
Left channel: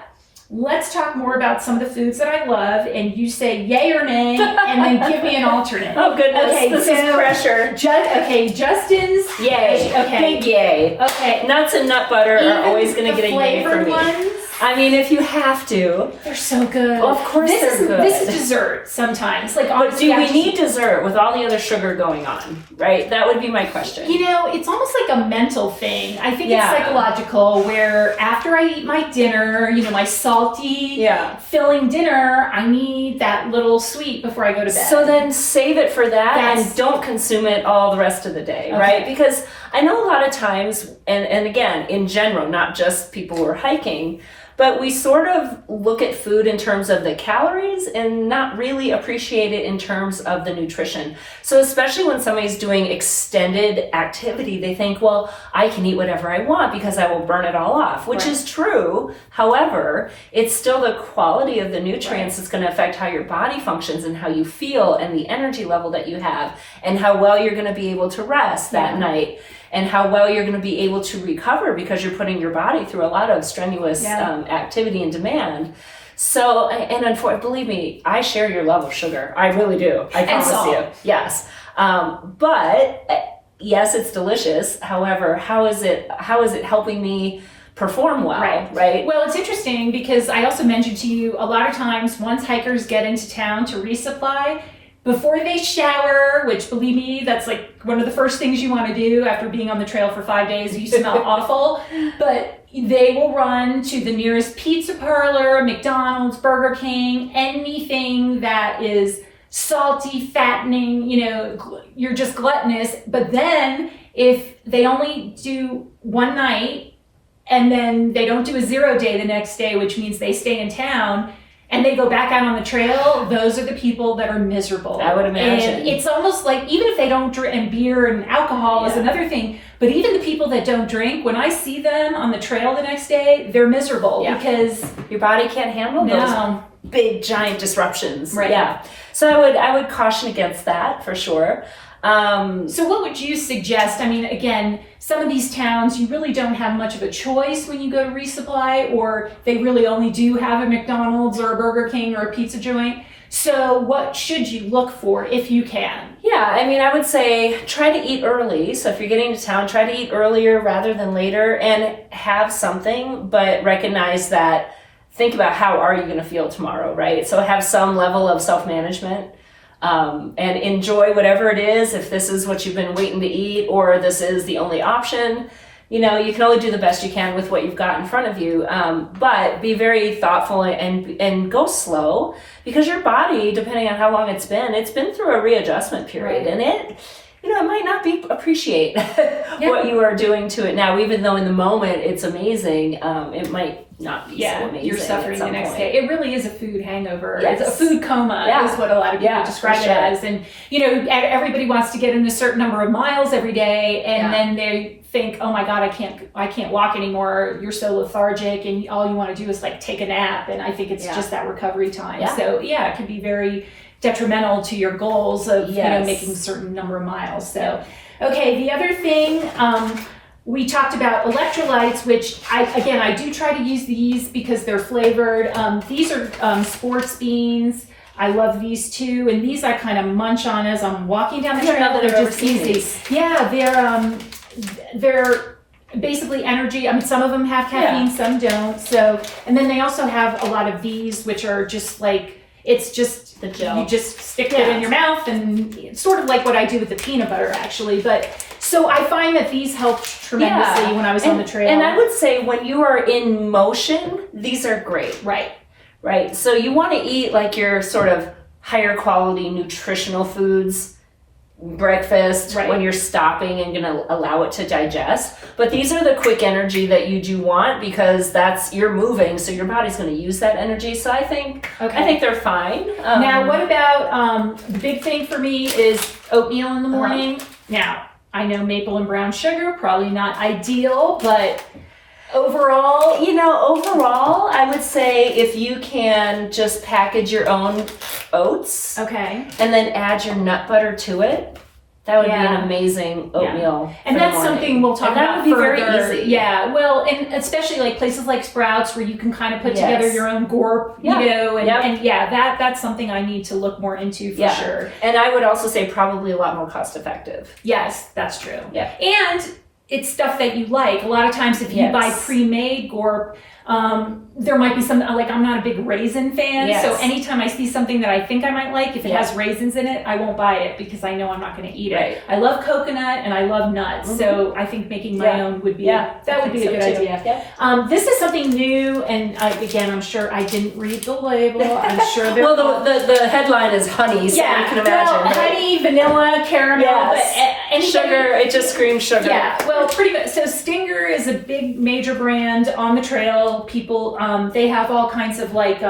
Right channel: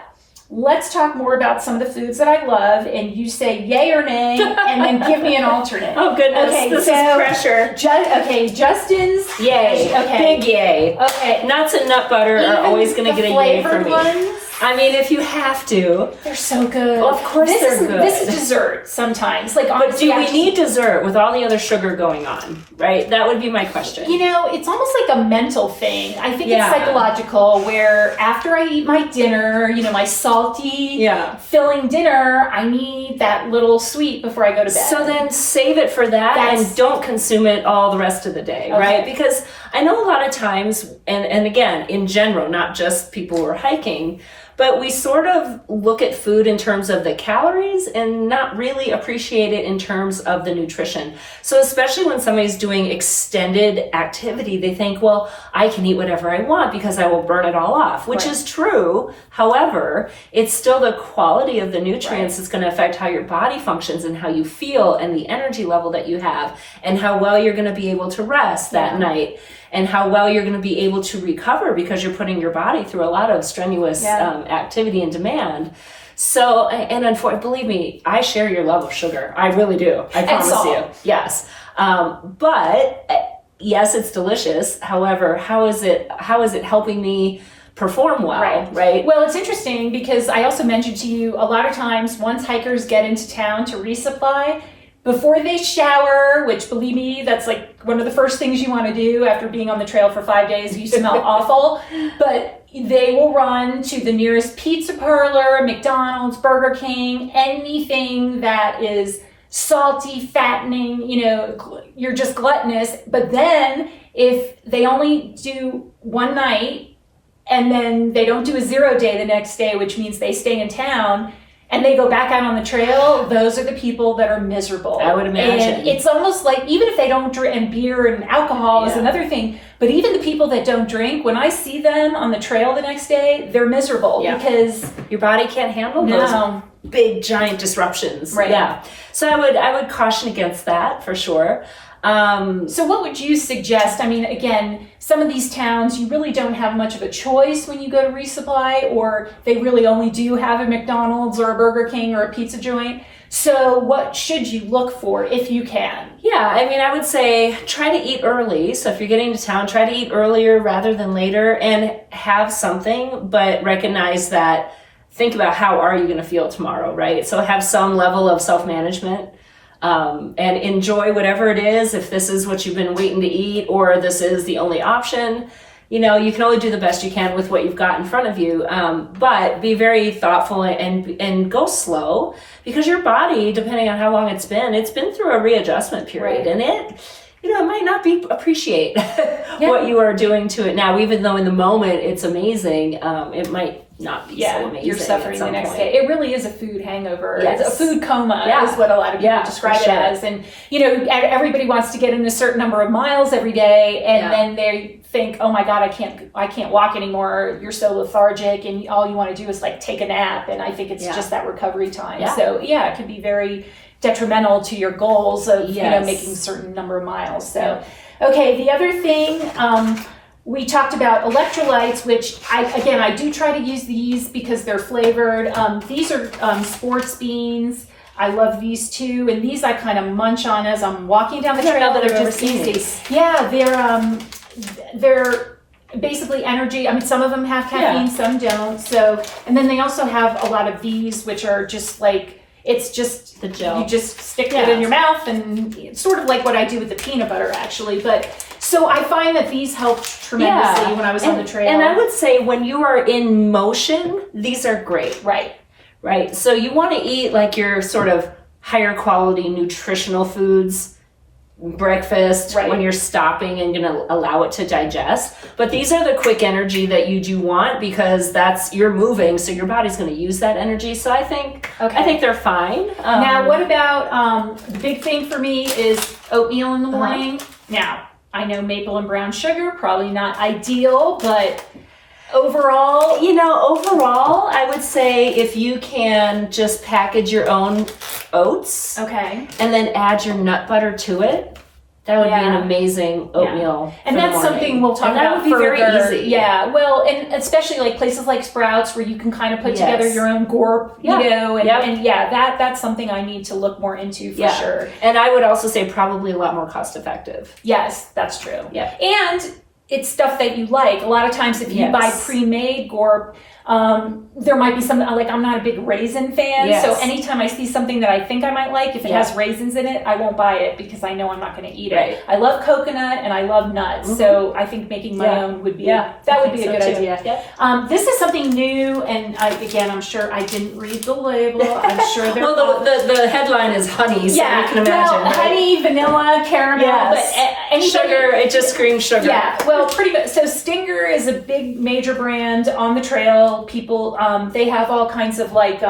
let's talk more about some of the foods that I love, and you say yay or nay, and then give me an alternate. Oh goodness, okay, this is pressure. Justin's yay. Okay. Big yay. Okay. Nuts and nut butter are always going to get a yay for me. Ones, I mean, if you have to. they're so good. Well, of course they're good. This is dessert sometimes. Like, but do we need dessert with all the other sugar going on, right? That would be my question. It's almost like a mental thing. I think it's psychological, where after I eat my dinner, my salty, filling dinner, I need that little sweet before I go to bed. So then save it for that and don't consume it all the rest of the day, right? Because I know a lot of times, and again, in general, not just people who are hiking, but we sort of look at food in terms of the calories and not really appreciate it in terms of the nutrition. So especially when somebody's doing extended activity, they think, well, I can eat whatever I want because I will burn it all off, which is true. However, it's still the quality of the nutrients that's going to affect how your body functions and how you feel and the energy level that you have and how well you're going to be able to rest that night. And how well you're going to be able to recover because you're putting your body through a lot of strenuous activity and demand. So, and unfortunately, believe me, I share your love of sugar. I really do. I promise you. Yes. But yes, it's delicious. However, how is it helping me perform well, right? Well, it's interesting because I also mentioned to you a lot of times once hikers get into town to resupply, before they shower, which believe me, that's like one of the first things you want to do after being on the trail for 5 days. You smell awful, but they will run to the nearest pizza parlor, McDonald's, Burger King, anything that is salty, fattening, you're just gluttonous. But then if they only do one night and then they don't do a 0 day the next day, which means they stay in town, and they go back out on the trail, those are the people that are miserable. I would imagine. And it's almost like, even if they don't drink, and beer and alcohol is another thing, but even the people that don't drink, when I see them on the trail the next day, they're miserable because your body can't handle those big, giant disruptions. Right. Yeah. So I would caution against that for sure. So what would you suggest? I mean, again, some of these towns, you really don't have much of a choice when you go to resupply, or they really only do have a McDonald's or a Burger King or a pizza joint. So what should you look for if you can? Yeah, I mean, I would say try to eat early. So if you're getting to town, try to eat earlier rather than later and have something, but recognize that, think about how are you going to feel tomorrow, right? So have some level of self-management. And enjoy whatever it is, if this is what you've been waiting to eat or this is the only option. You can only do the best you can with what you've got in front of you, but be very thoughtful and go slow, because your body, depending on how long it's been through a readjustment period, and it might not appreciate what you are doing to it now, even though in the moment it's amazing. It might not be so amazing. You're suffering the next day. It really is a food hangover. Yes. It's a food coma is what a lot of people describe it as. And, everybody wants to get in a certain number of miles every day, and then they think, oh my God, I can't walk anymore. You're so lethargic, and all you want to do is like take a nap. And I think it's just that recovery time. Yeah. So it can be very detrimental to your goals of making a certain number of miles. So okay, the other thing, we talked about electrolytes, which I do try to use these because they're flavored. These are sports beans. I love these two, and these I kind of munch on as I'm walking down the I don't trail. know that I've They're ever just seen easy. these. Yeah, they're basically energy. I mean, some of them have caffeine, some don't. So, and then they also have a lot of these, which are just like, it's just the gel. You just stick it in your mouth, and it's sort of like what I do with the peanut butter, actually. But so I find that these helped tremendously when I was on the trail. And I would say when you are in motion, these are great. Right. So you want to eat like your sort of higher quality nutritional foods, breakfast, when you're stopping and going to allow it to digest. But these are the quick energy that you do want, because you're moving, so your body's going to use that energy. So I think they're fine. Now, what about the big thing for me is oatmeal in the morning. Now, I know maple and brown sugar, probably not ideal, but overall, I would say if you can just package your own oats, okay, and then add your nut butter to it, that would be an amazing oatmeal. And that's something we'll talk about. That would be further. very easy. Yeah, well, and especially like places like Sprouts, where you can kind of put together your own gorp, and that's something I need to look more into for sure. And I would also say probably a lot more cost effective. Yes, that's true. Yeah, and it's stuff that you like. A lot of times, if you buy pre-made gorp, there might be some, like, I'm not a big raisin fan, so anytime I see something that I think I might like, if it has raisins in it, I won't buy it because I know I'm not going to eat it. I love coconut and I love nuts, so I think making my own would be that would be a good idea. This is something new, and again, I'm sure I didn't read the label. I'm sure there. Well, the headline is honey, so you can imagine. Well, honey, vanilla, caramel, but sugar. It just screams sugar. Yeah, well, pretty much. So Stinger is a big major brand on the trail. People. They have all kinds of like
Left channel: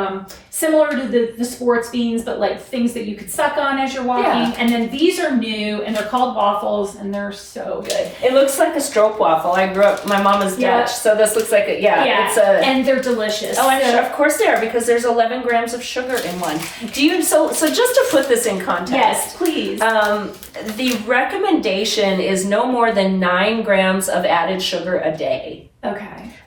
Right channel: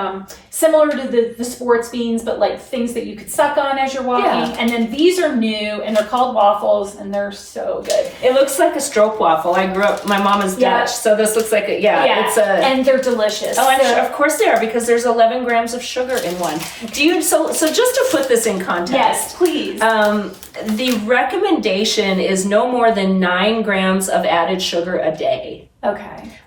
similar to the sports beans, but like things that you could suck on as you're walking. And then these are new, and they're called Waffles, and they're so good. It looks like a stroop waffle. I grew up. My mom is Dutch, so this looks like it's a. And they're delicious. Oh, I'm sure, of course they are, because there's 11 grams of sugar in one. So just to put this in context, yes, please. The recommendation is no more than 9 grams of added sugar a day.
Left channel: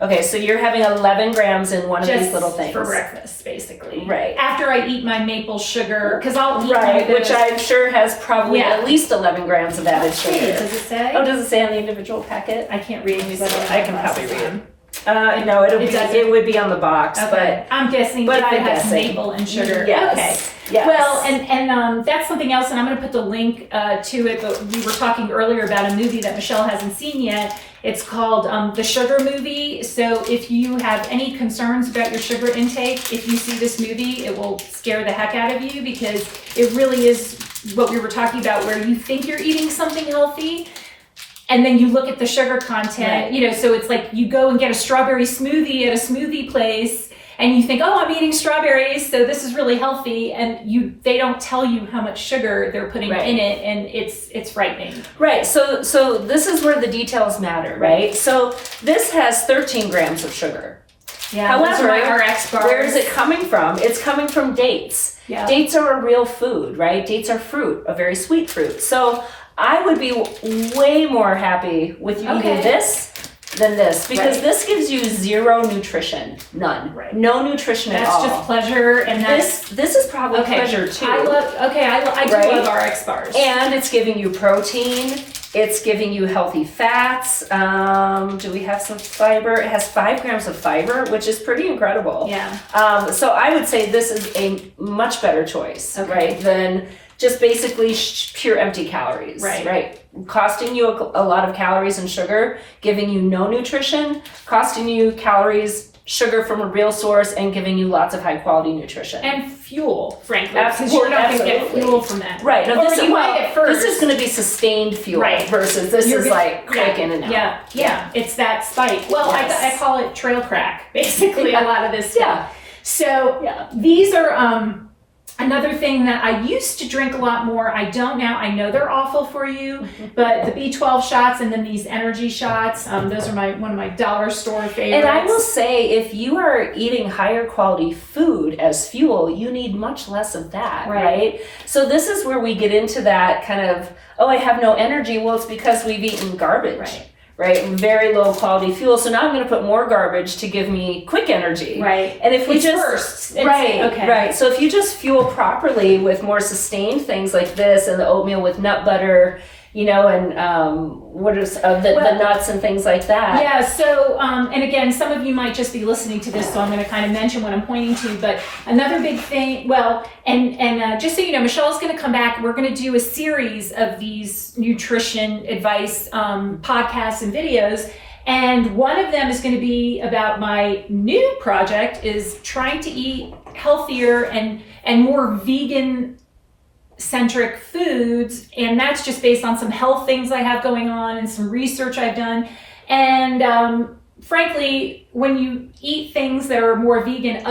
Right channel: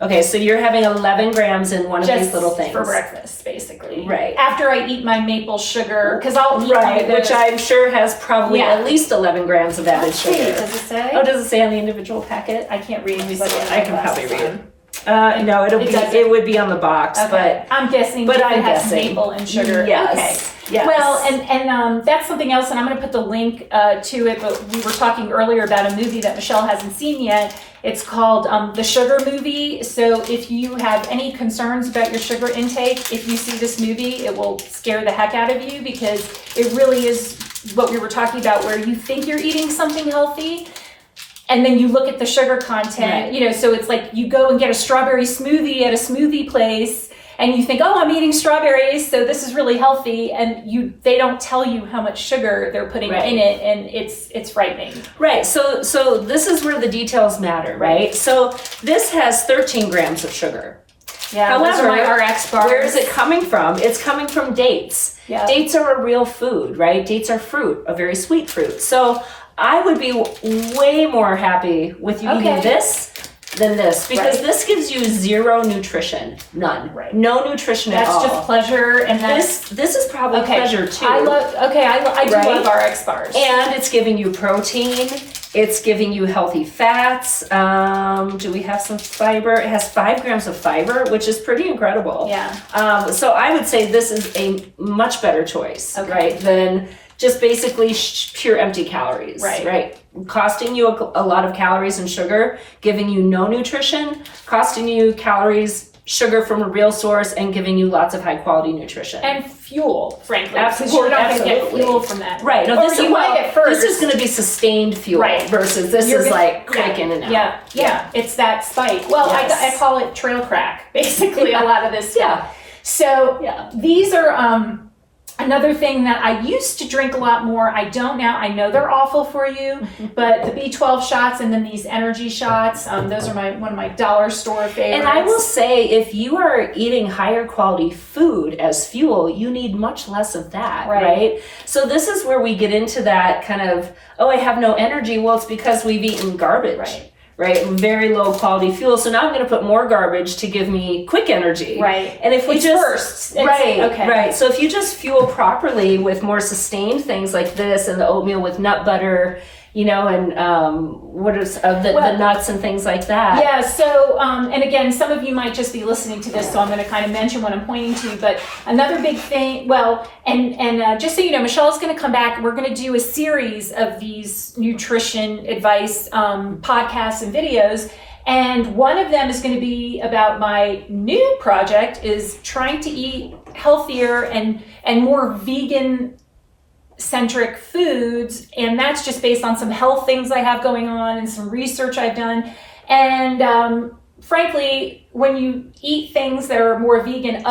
Okay, so you're having 11 grams in one of these little things. For breakfast, basically. Right. After I eat my maple sugar, because I'll eat one of those. Which I'm sure has probably at least 11 grams of added sugar. Does it say? Oh, does it say on the individual packet? I can't read these. I can probably read. No, it would be on the box, but I'm guessing. But it has maple and sugar. Yes. Okay. Yes. Well, and that's something else, and I'm going to put the link to it. But we were talking earlier about a movie that Michelle hasn't seen yet. It's called The Sugar Movie. So if you have any concerns about your sugar intake, if you see this movie, it will scare the heck out of you, because it really is what we were talking about, where you think you're eating something healthy, and then you look at the sugar content, so it's like you go and get a strawberry smoothie at a smoothie place, and you think, oh, I'm eating strawberries, so this is really healthy, and they don't tell you how much sugar they're putting in it, and it's frightening. Right. So this is where the details matter, right? So this has 13 grams of sugar. Yeah. However, my RX bars. Where is it coming from? It's coming from dates. Yeah. Dates are a real food, right? Dates are fruit, a very sweet fruit. So I would be way more happy with you eating this than this, because this gives you zero nutrition, none, no nutrition at all. That's just pleasure, and this is probably pleasure too. I do love RX bars, and it's giving you protein. It's giving you healthy fats. Do we have some fiber? It has 5 grams of fiber, which is pretty incredible. Yeah. So I would say this is a much better choice, right, than just basically pure empty calories, right? Costing you a lot of calories and sugar, giving you no nutrition, costing you calories, sugar from a real source, and giving you lots of high quality nutrition. And fuel, frankly. Absolutely. You're not going to get fuel from that. Right. No, this is going to be sustained fuel versus this is like quick in and out. Yeah. It's that spike. Well, I call it trail crack, basically, a lot of this stuff. So these are another thing that I used to drink a lot more. I don't now. I know they're awful for you, but the B12 shots and then these energy shots, those are one of my dollar store favorites. And I will say, if you are eating higher quality food as fuel, you need much less of that, right? So this is where we get into that kind of, oh, I have no energy. Well, it's because we've eaten garbage. right? Very low quality fuel. So now I'm going to put more garbage to give me quick energy. Right. And if we Right. So if you just fuel properly with more sustained things like this and the oatmeal with nut butter, you know, and the nuts and things like that. Yeah, so, and again, some of you might just be listening to this, so I'm going to kind of mention what I'm pointing to, but another big thing, and just so you know, Michelle's going to come back, we're going to do a series of these nutrition advice podcasts and videos, and one of them is going to be about my new project, is trying to eat healthier and more vegan centric foods, and that's just based on some health things I have going on and some research I've done. And frankly, when you eat things that are more vegan,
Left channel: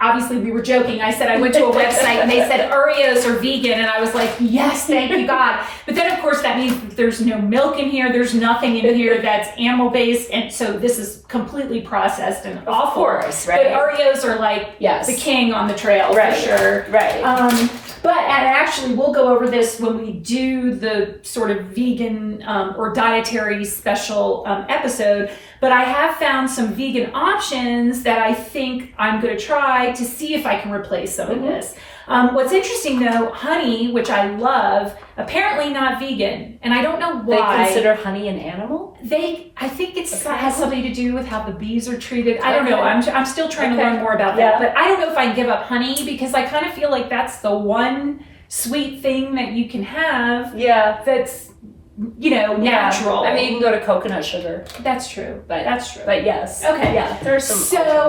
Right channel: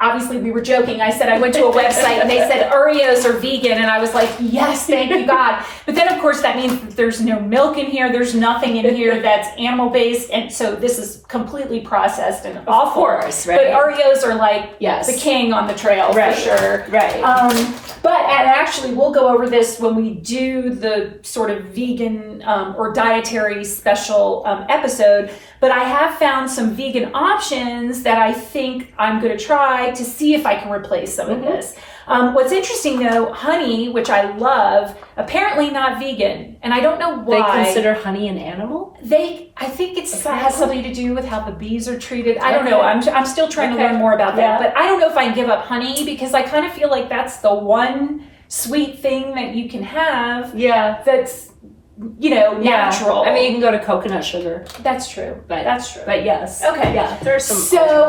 obviously we were joking. I said I went to a website and they said Oreos are vegan, and I was like, yes, thank you God. But then of course that means that there's no milk in here, there's nothing in here that's animal based, and so this is completely processed and awful. Of course, right? But Oreos are like the king on the trail, right, for sure. Right. And actually, we'll go over this when we do the sort of vegan or dietary special episode. But I have found some vegan options that I think I'm going to try to see if I can replace some of this. What's interesting though, honey, which I love, apparently not vegan, and I don't know why. They consider honey an animal? I think it has something to do with how the bees are treated. I don't know. I'm still trying to learn more about that. But I don't know if I can give up honey, because I kind of feel like that's the one sweet thing that you can have. Yeah. That's, you know, natural. I mean, you can go to coconut sugar. That's true. But yes. Okay. Yeah. There's some. So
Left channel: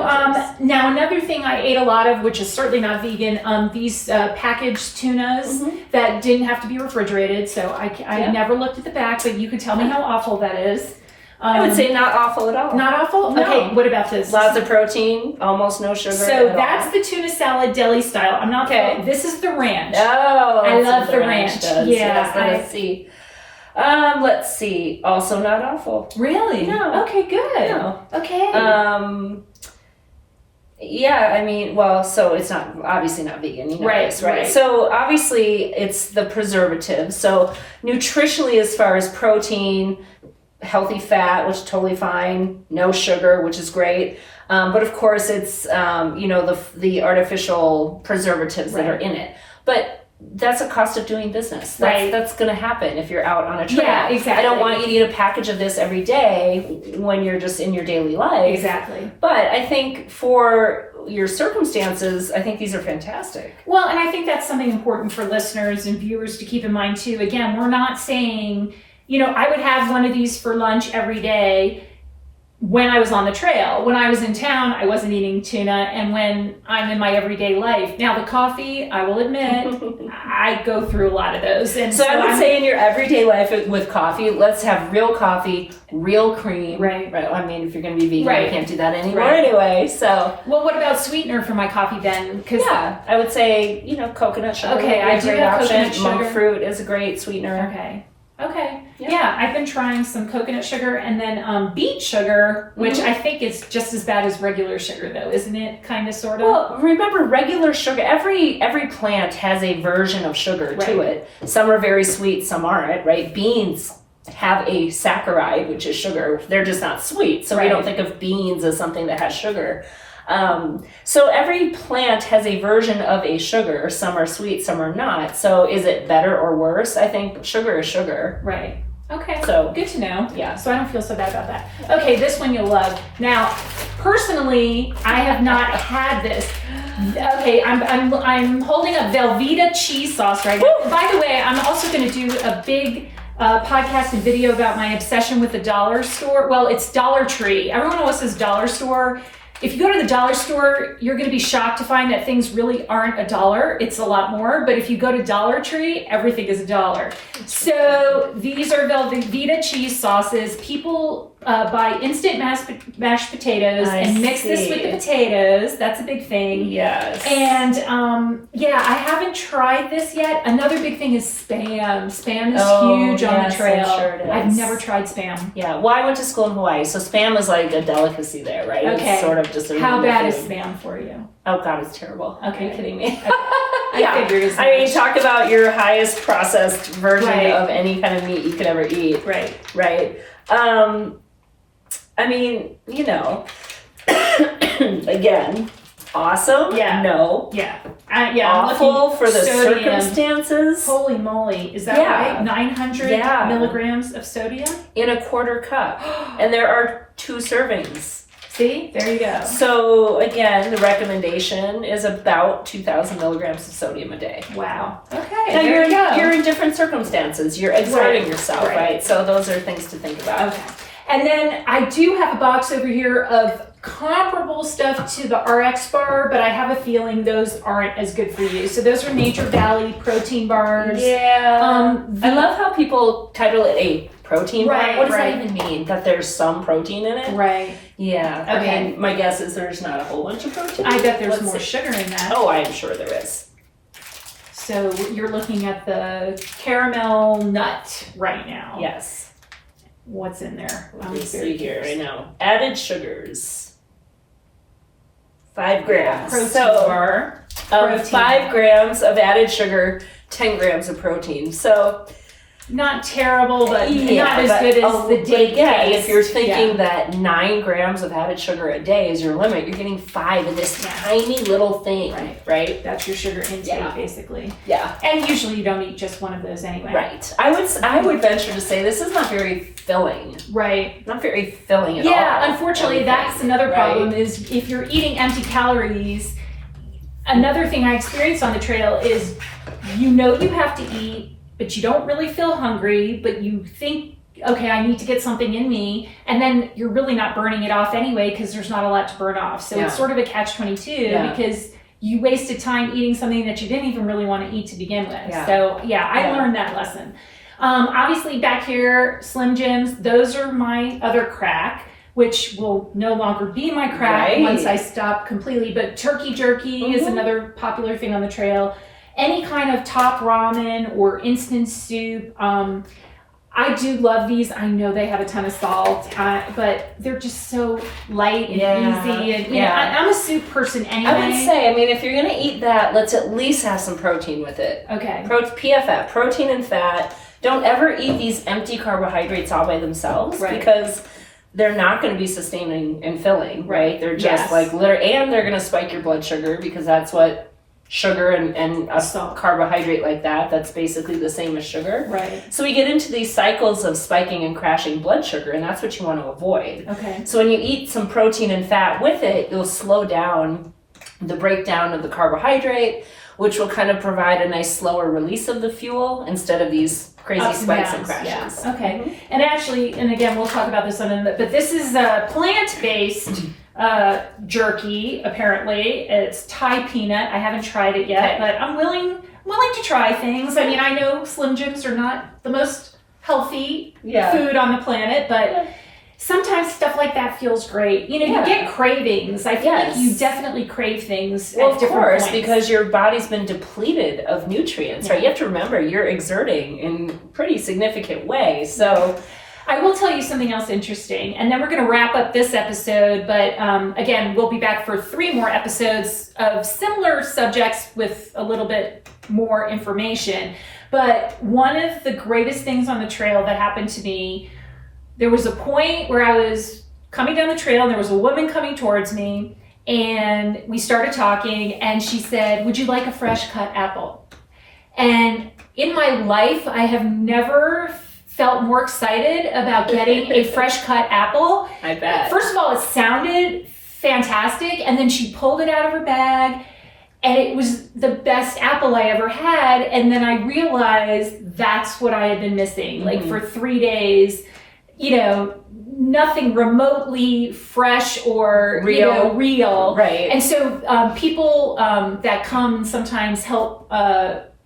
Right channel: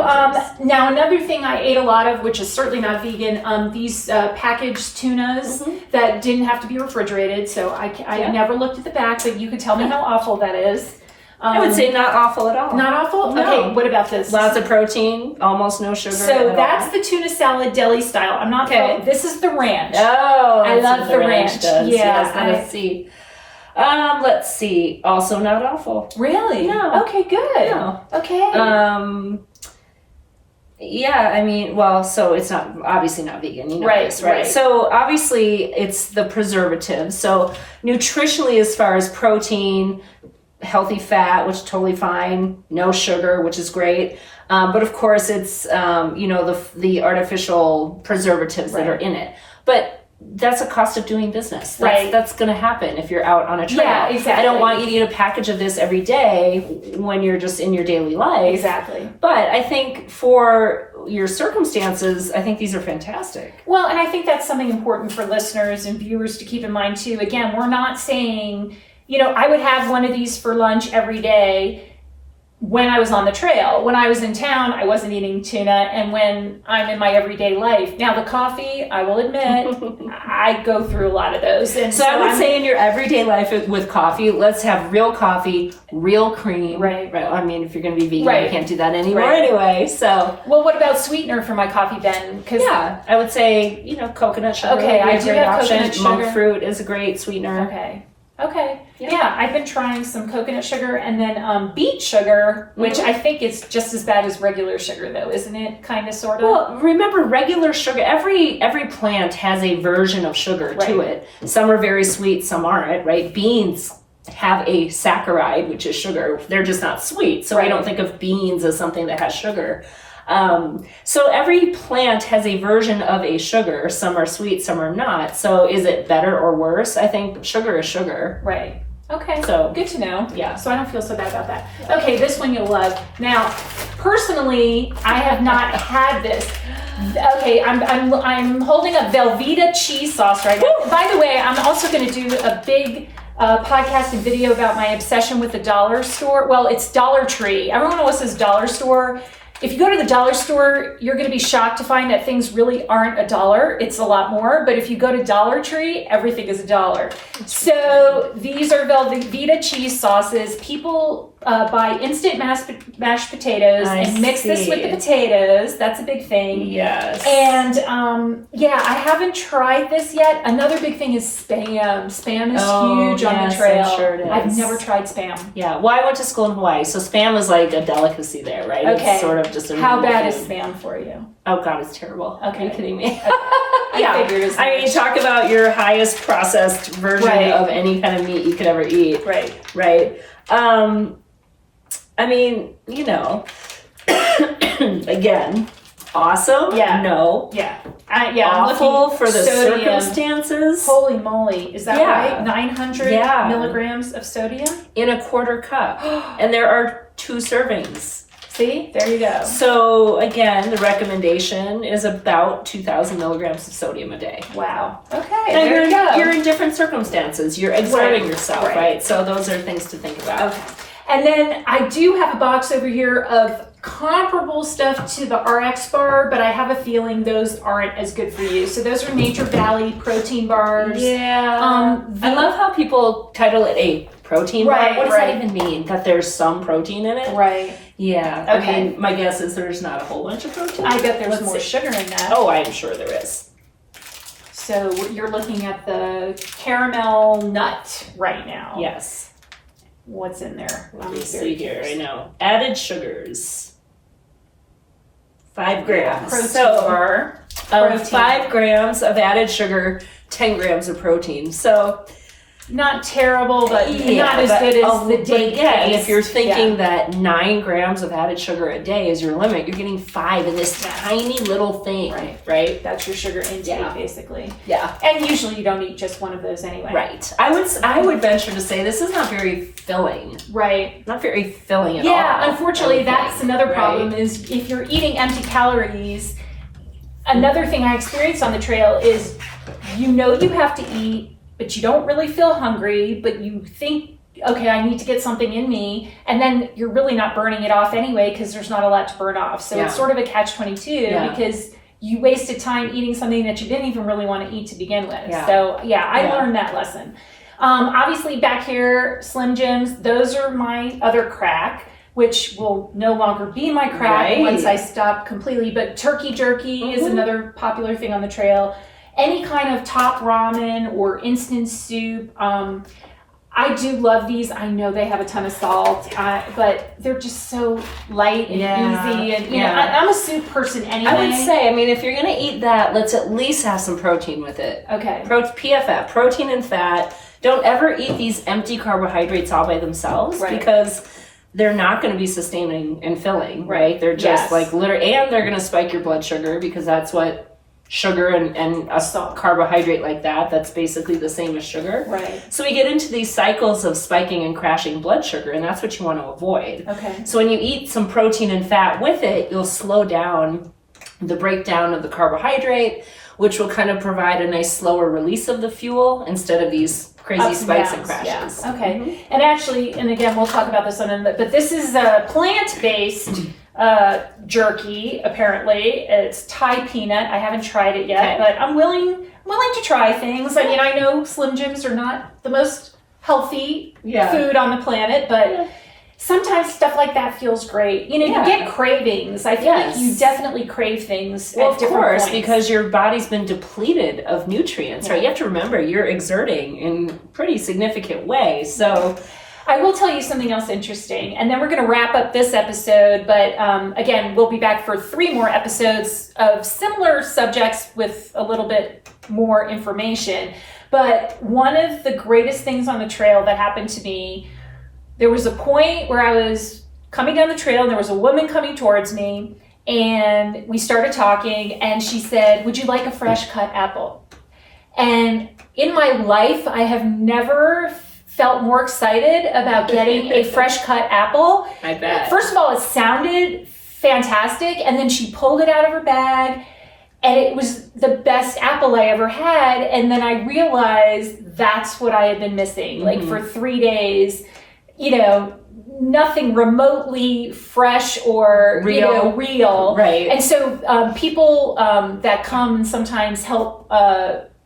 now another thing I ate a lot of, which is certainly not vegan, these packaged tunas that didn't have to be refrigerated. So I never looked at the back, but you could tell me how awful that is. I would say not awful at all. Not awful? No. Okay, what about this? Lots of protein, almost no sugar. So that's the tuna salad deli style. I'm not this is the ranch. Oh, I love the ranch. Does. Yeah. Yes, let's see. Also not awful. Really? No. Okay, good. No. Okay. Yeah, I mean, well, so it's obviously not vegan, you know this, right? Right. So obviously it's the preservatives. So nutritionally, as far as protein, healthy fat, which is totally fine, no sugar, which is great. But of course it's, the artificial preservatives that are in it. But that's a cost of doing business. That's going to happen if you're out on a trail. Yeah, exactly. I don't want you to eat a package of this every day when you're just in your daily life. Exactly. But I think for your circumstances, I think these are fantastic. Well, and I think that's something important for listeners and viewers to keep in mind too. Again, we're not saying, I would have one of these for lunch every day when I was on the trail. When I was in town, I wasn't eating tuna, and when I'm in my everyday life. Now the coffee, I will admit, I go through a lot of those. And so I would say in your everyday life with coffee, let's have real coffee, real cream. Right. I mean, if you're going to be vegan, you can't do that anymore anyway. So. Well, what about sweetener for my coffee then? I would say, coconut sugar would be a great option. Monk fruit is a great sweetener. Okay. Yeah, I've been trying some coconut sugar and then beet sugar, which I think is just as bad as regular sugar, though, isn't it? Kind of, sort of. Well, remember, regular sugar. Every plant has a version of sugar to it. Some are very sweet, some aren't. Right? Beans have a saccharide, which is sugar. They're just not sweet, so we don't think of beans as something that has sugar. So every plant has a version of a sugar. Some are sweet, some are not. So is it better or worse? I think sugar is sugar. Right. Okay. So good to know. Yeah. So I don't feel so bad about that. Okay, this one you'll love. Now, personally, I have not had this. Okay, I'm holding up Velveeta cheese sauce right now. By the way, I'm also going to do a big podcast and video about my obsession with the dollar store. Well, it's Dollar Tree. Everyone always says dollar store. If you go to the dollar store, you're going to be shocked to find that things really aren't $1. It's a lot more. But if you go to Dollar Tree, everything is $1. So these are Velveeta cheese sauces. People buy instant mashed potatoes and mix this with the potatoes. That's a big thing. Yes. And I haven't tried this yet. Another big thing is Spam. Spam is huge on the trail. I'm sure it is. I've never tried Spam. Yeah. Well, I went to school in Hawaii, so Spam was like a delicacy there, right? Okay. It's sort of just a How bad is Spam for you? Oh God, it's terrible. Okay. Are you kidding me? Yeah, figured as I mean, much. talk about your highest processed version Right. of any kind of meat you could ever eat. Right. Right. I mean, you know, again, awesome. Yeah. No. Yeah. I'm Awful looking for the sodium. circumstances. Holy moly. Is that Yeah. right? 900 Yeah. milligrams of sodium? In a quarter cup. And there are 2 servings. See? There you go. So again, the recommendation is about 2,000 milligrams of sodium a day. Wow. Okay. Now there you go. you're in different circumstances. You're exerting Right. yourself, Right. right? So those are things to think about. Okay. And then I do have a box over here of comparable stuff to the RX bar, but I have a feeling those aren't as good for you. So those are Nature Valley protein bars. Yeah. I love how people title it a protein bar. Right, What does right. that even mean? That there's some protein in it? Right. Yeah. Okay. I mean, my guess is there's not a whole bunch of protein. I bet there's Let's more see. sugar in that. Oh, I'm sure there is. So you're looking at the caramel nut right now. Yes. What's in there? Let I'm me very see here. curious. I know. Added sugars. 5 grams. Protein So bar. of Protein. 5 grams of added sugar, 10 grams of protein. So Not terrible, but yeah, not as but, good as the but date again, taste. if you're thinking Yeah. that 9 grams of added sugar a day is your limit, you're getting 5 in this Yeah. tiny little thing, Right. right? That's your sugar intake, Yeah. basically. Yeah. And usually you don't eat just one of those anyway. Right. I would venture to say this is not very filling. Right. Not very filling at all. Yeah, unfortunately, I would that's think, another right? problem is if you're eating empty calories, another thing I experienced on the trail is you know you have to eat, but you don't really feel hungry, but you think, okay, I need to get something in me, and then you're really not burning it off anyway because there's not a lot to burn off. So Yeah. it's sort of a catch-22 Yeah. because you wasted time eating something that you didn't even really want to eat to begin with. Yeah. So yeah, I Yeah. learned that lesson. Obviously back here, Slim Jims, those are my other crack, which will no longer be my crack Right. once I stop completely. But turkey jerky is another popular thing on the trail. Any kind of top ramen or instant soup. I do love these. I know they have a ton of salt, but they're just so light and easy. And you know, Yeah. I'm a soup person anyway. I would say, I mean, if you're gonna eat that, let's at least have some protein with it. Okay. PFF, protein and fat. Don't ever eat these empty carbohydrates all by themselves Right. because they're not going to be sustaining and filling, right? They're just Yes. like literally, and they're going to spike your blood sugar because that's what sugar and a Salt. carbohydrate like that's basically the same as sugar. Right. So we get into these cycles of spiking and crashing blood sugar, and that's what you want to avoid. Okay. So when you eat some protein and fat with it, you'll slow down the breakdown of the carbohydrate, which will kind of provide a nice slower release of the fuel instead of these crazy Ups and spikes and downs, crashes. yeah. Okay. And actually, and again, we'll talk about this on a minute, but this is a plant-based jerky, apparently. It's Thai peanut. I haven't tried it yet, Okay. but I'm willing to try things. I mean, I know Slim Jims are not the most healthy Yeah. food on the planet, but sometimes stuff like that feels great. You know, Yeah. you get cravings. I feel like Yes. you definitely crave things Well, at of different course, points. because your body's been depleted of nutrients, right? Yeah. You have to remember you're exerting in pretty significant way. So I will tell you something else interesting, and then we're going to wrap up this episode. But again, we'll be back for 3 more episodes of similar subjects with a little bit more information. But one of the greatest things on the trail that happened to me, there was a point where I was coming down the trail, and there was a woman coming towards me, and we started talking, and she said, "Would you like a fresh cut apple?" And in my life, I have never felt more excited about getting a fresh cut apple. I bet. First of all, it sounded fantastic, and then she pulled it out of her bag, and it was the best apple I ever had. And then I realized that's what I had been missing. Like for 3 days, you know, nothing remotely fresh or real. Right. And so people that come and sometimes help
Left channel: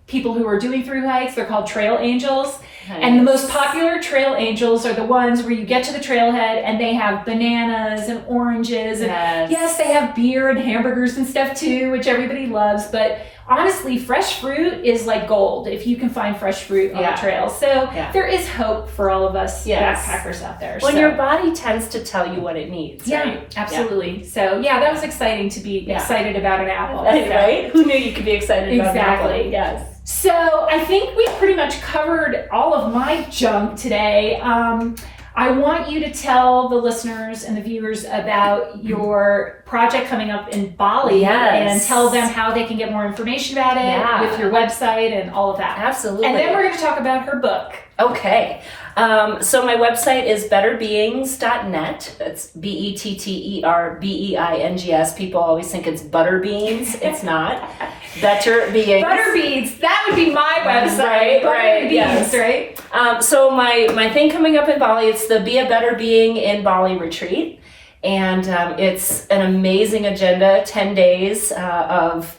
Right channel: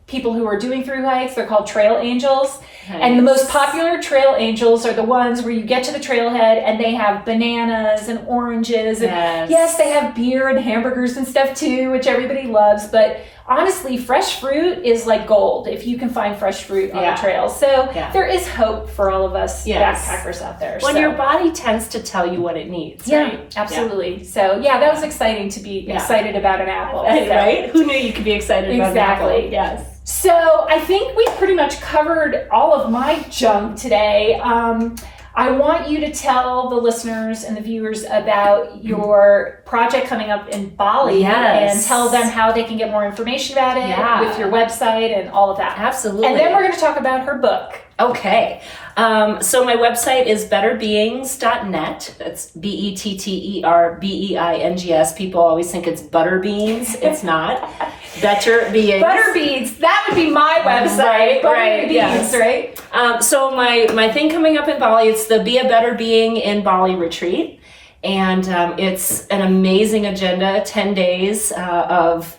people who are doing through hikes, they're called trail angels. And the most popular trail angels are the ones where you get to the trailhead and they have bananas and oranges. And Yes. yes, they have beer and hamburgers and stuff too, which everybody loves. But honestly, fresh fruit is like gold if you can find fresh fruit on the trails. So there is hope for all of us backpackers out there. When your body tends to tell you what it needs, right? Absolutely. So that was exciting to be excited about an apple. Right? Who knew you could be excited about an apple? Exactly. Yes. So I think we pretty much covered all of my junk today. I want you to tell the listeners and the viewers about your project coming up in Bali and tell them how they can get more information about it with your website and all of that. Absolutely. And then we're going to talk about her book. Okay. So my website is betterbeings.net. That's BetterBeings. People always think it's Butterbeans. It's not. Better Beings. Butterbeans. That would be my website. Right. Yes. Right. So my thing coming up in Bali, it's the Be a Better Being in Bali retreat. And it's an amazing agenda, 10 days of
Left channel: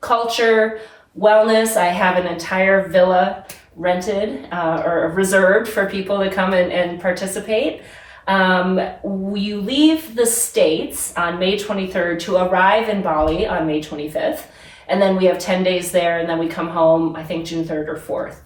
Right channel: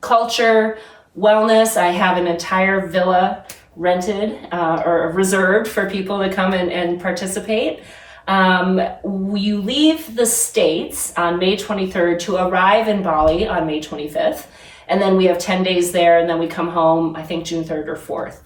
culture, wellness. I have an entire villa rented or reserved for people to come and participate. You leave the States on May 23rd to arrive in Bali on May 25th. And then we have 10 days there, and then we come home, I think, June 3rd or 4th.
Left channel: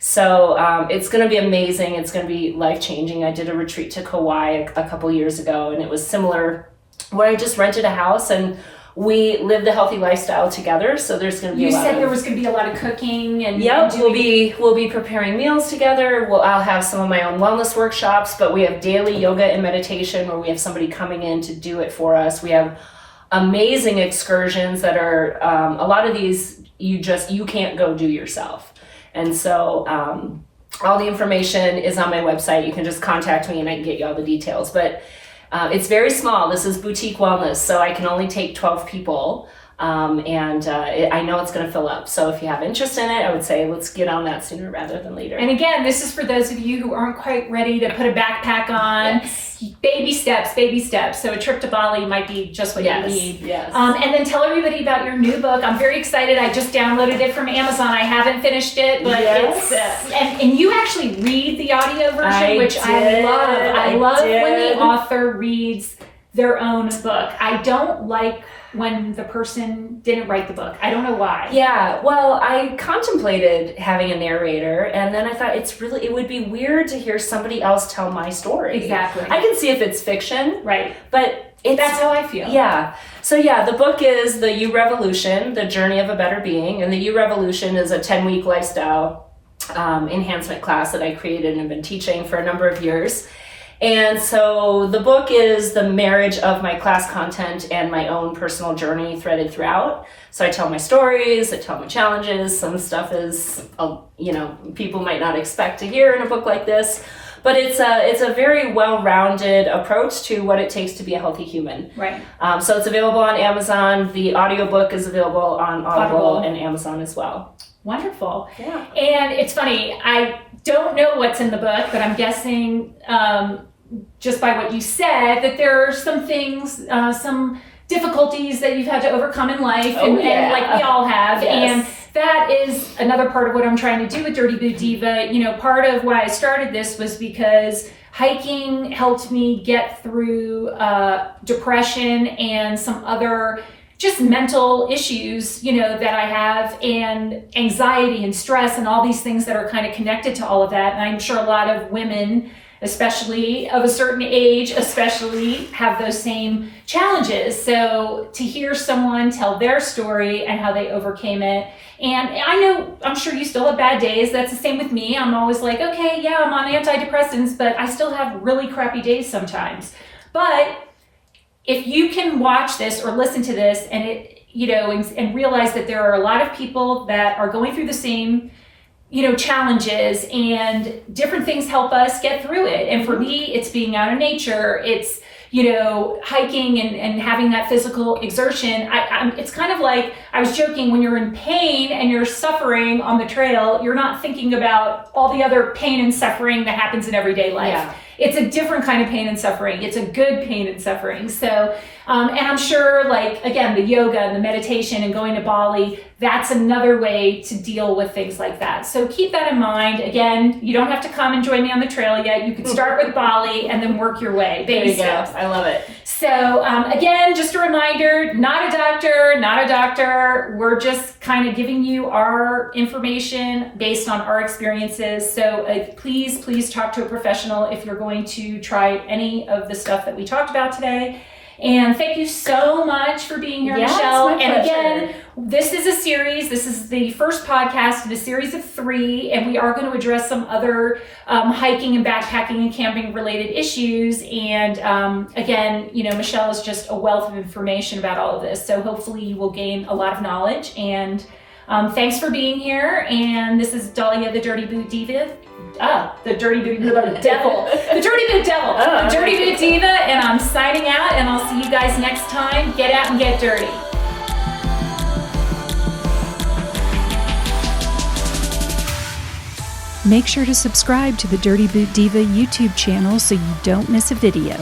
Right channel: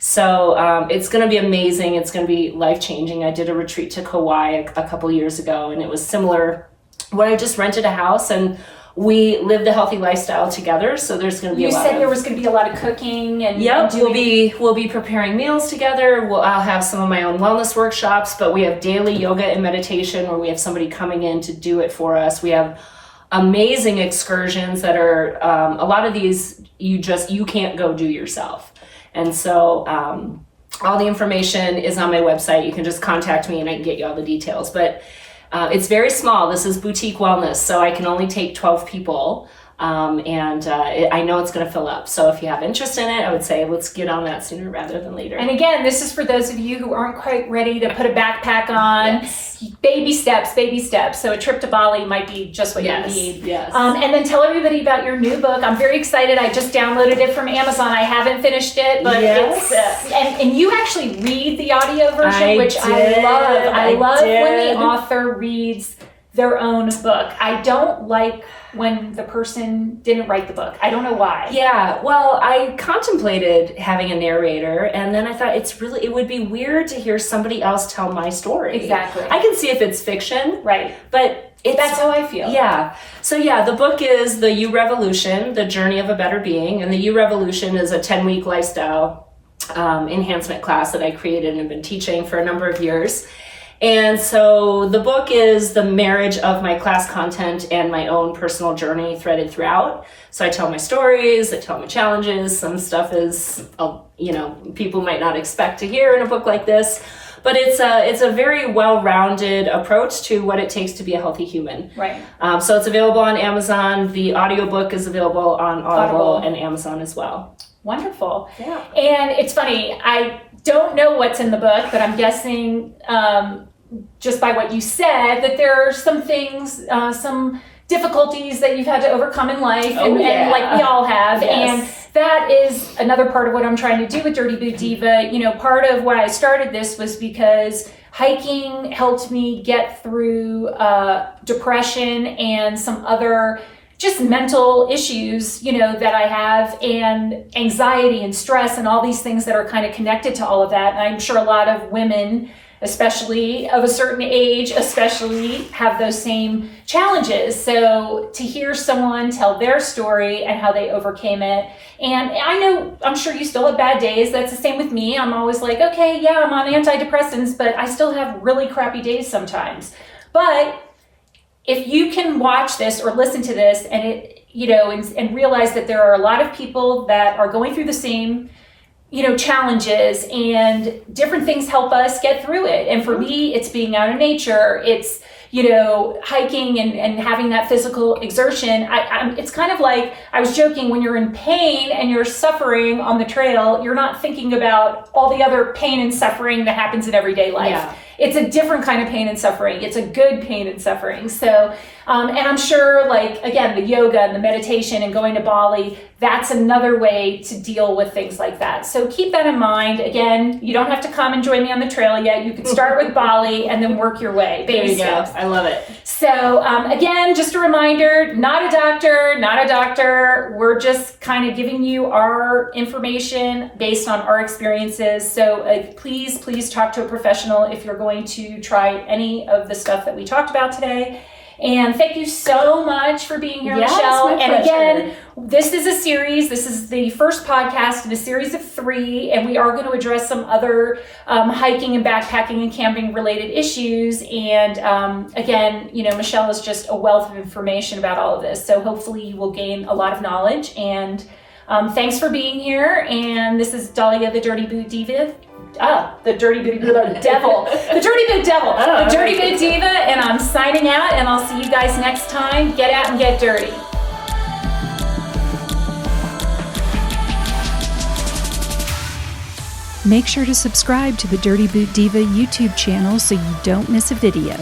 So it's going to be amazing. It's going to be life-changing. I did a retreat to Kauai a couple years ago, and it was similar, where I just rented a house, and we lived a healthy lifestyle together. So there's going to be there was going to be a lot of cooking. And we'll be preparing meals together. I'll have some of my own wellness workshops, but we have daily yoga and meditation where we have somebody coming in to do it for us. We have amazing excursions that are a lot of these you can't go do yourself. And so all the information is on my website. You can just contact me and I can get you all the details. But it's very small. This is boutique wellness, so I can only take 12 people. I know it's going to fill up. So if you have interest in it, I would say let's get on that sooner rather than later. And again, this is for those of you who aren't quite ready to put a backpack on. Yes. Baby steps. So a trip to Bali might be just what you need. Yes. And then tell everybody about your new book. I'm very excited. I just downloaded it from Amazon. I haven't finished it, but it's and you actually read the audio version, which I love. I love when the author reads their own book. I don't like when the person didn't write the book. I don't know why. Yeah, well, I contemplated having a narrator, and then I thought it would be weird to hear somebody else tell my story. Exactly. I can see if it's fiction. Right. But that's how I feel. Yeah. So the book is The You Revolution, The Journey of a Better Being, and The You Revolution is a 10-week lifestyle enhancement class that I created and have been teaching for a number of years. And so the book is the marriage of my class content and my own personal journey threaded throughout. So I tell my stories, I tell my challenges. Some stuff is, people might not expect to hear in a book like this, but it's a very well-rounded approach to what it takes to be a healthy human. Right. So it's available on Amazon. The audiobook is available on Audible and Amazon as well. Wonderful. Yeah. And it's funny, I don't know what's in the book, but I'm guessing just by what you said that there are some things, some difficulties that you've had to overcome in life, and like we all have. Yes. And that is another part of what I'm trying to do with Dirty Boot Diva. Part of why I started this was because hiking helped me get through depression and some other just mental issues, that I have, and anxiety and stress and all these things that are kind of connected to all of that. And I'm sure a lot of women, especially of a certain age, have those same challenges. So to hear someone tell their story and how they overcame it. And I'm sure you still have bad days. That's the same with me. I'm always like, okay, yeah, I'm on antidepressants, but I still have really crappy days sometimes. But if you can watch this or listen to this and and realize that there are a lot of people that are going through the same, challenges, and different things help us get through it. And for me, it's being out in nature. It's, hiking and having that physical exertion. It's kind of like, I was joking, when you're in pain and you're suffering on the trail, you're not thinking about all the other pain and suffering that happens in everyday life. Yeah. it's a different kind of pain and suffering. It's a good pain and suffering. So, and I'm sure, like, again, the yoga and the meditation and going to Bali, that's another way to deal with things like that. So keep that in mind. Again, you don't have to come and join me on the trail yet. You could start with Bali and then work your way. There you steps. go. I love it. So again, just a reminder, not a doctor. We're just kind of giving you our information based on our experiences. So please talk to a professional if you're going to try any of the stuff that we talked about today. And thank you so much for being here, Michelle. It's my and pleasure. again, this is a series. This is the first podcast in a series of 3, and we are going to address some other hiking and backpacking and camping related issues. And again, Michelle is just a wealth of information about all of this. So hopefully you will gain a lot of knowledge. And thanks for being here. And this is Dahlia, the Dirty Boot Diva. The Dirty Boot Devil. The Dirty Boot Devil. The Dirty Boot Diva. And I'm signing out, and I'll see you guys next time. Get out and get dirty. Make sure to subscribe to the Dirty Boot Diva YouTube channel so you don't miss a video.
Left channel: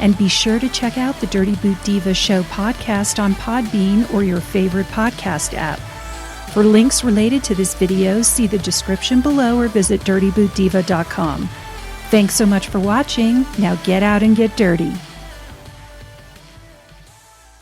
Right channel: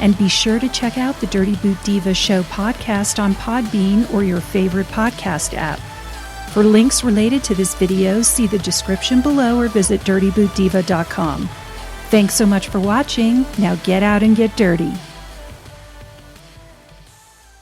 And be sure to check out the Dirty Boot Diva Show podcast on Podbean or your favorite podcast app. For links related to this video, see the description below or visit dirtybootdiva.com. Thanks so much for watching. Now get out and get dirty.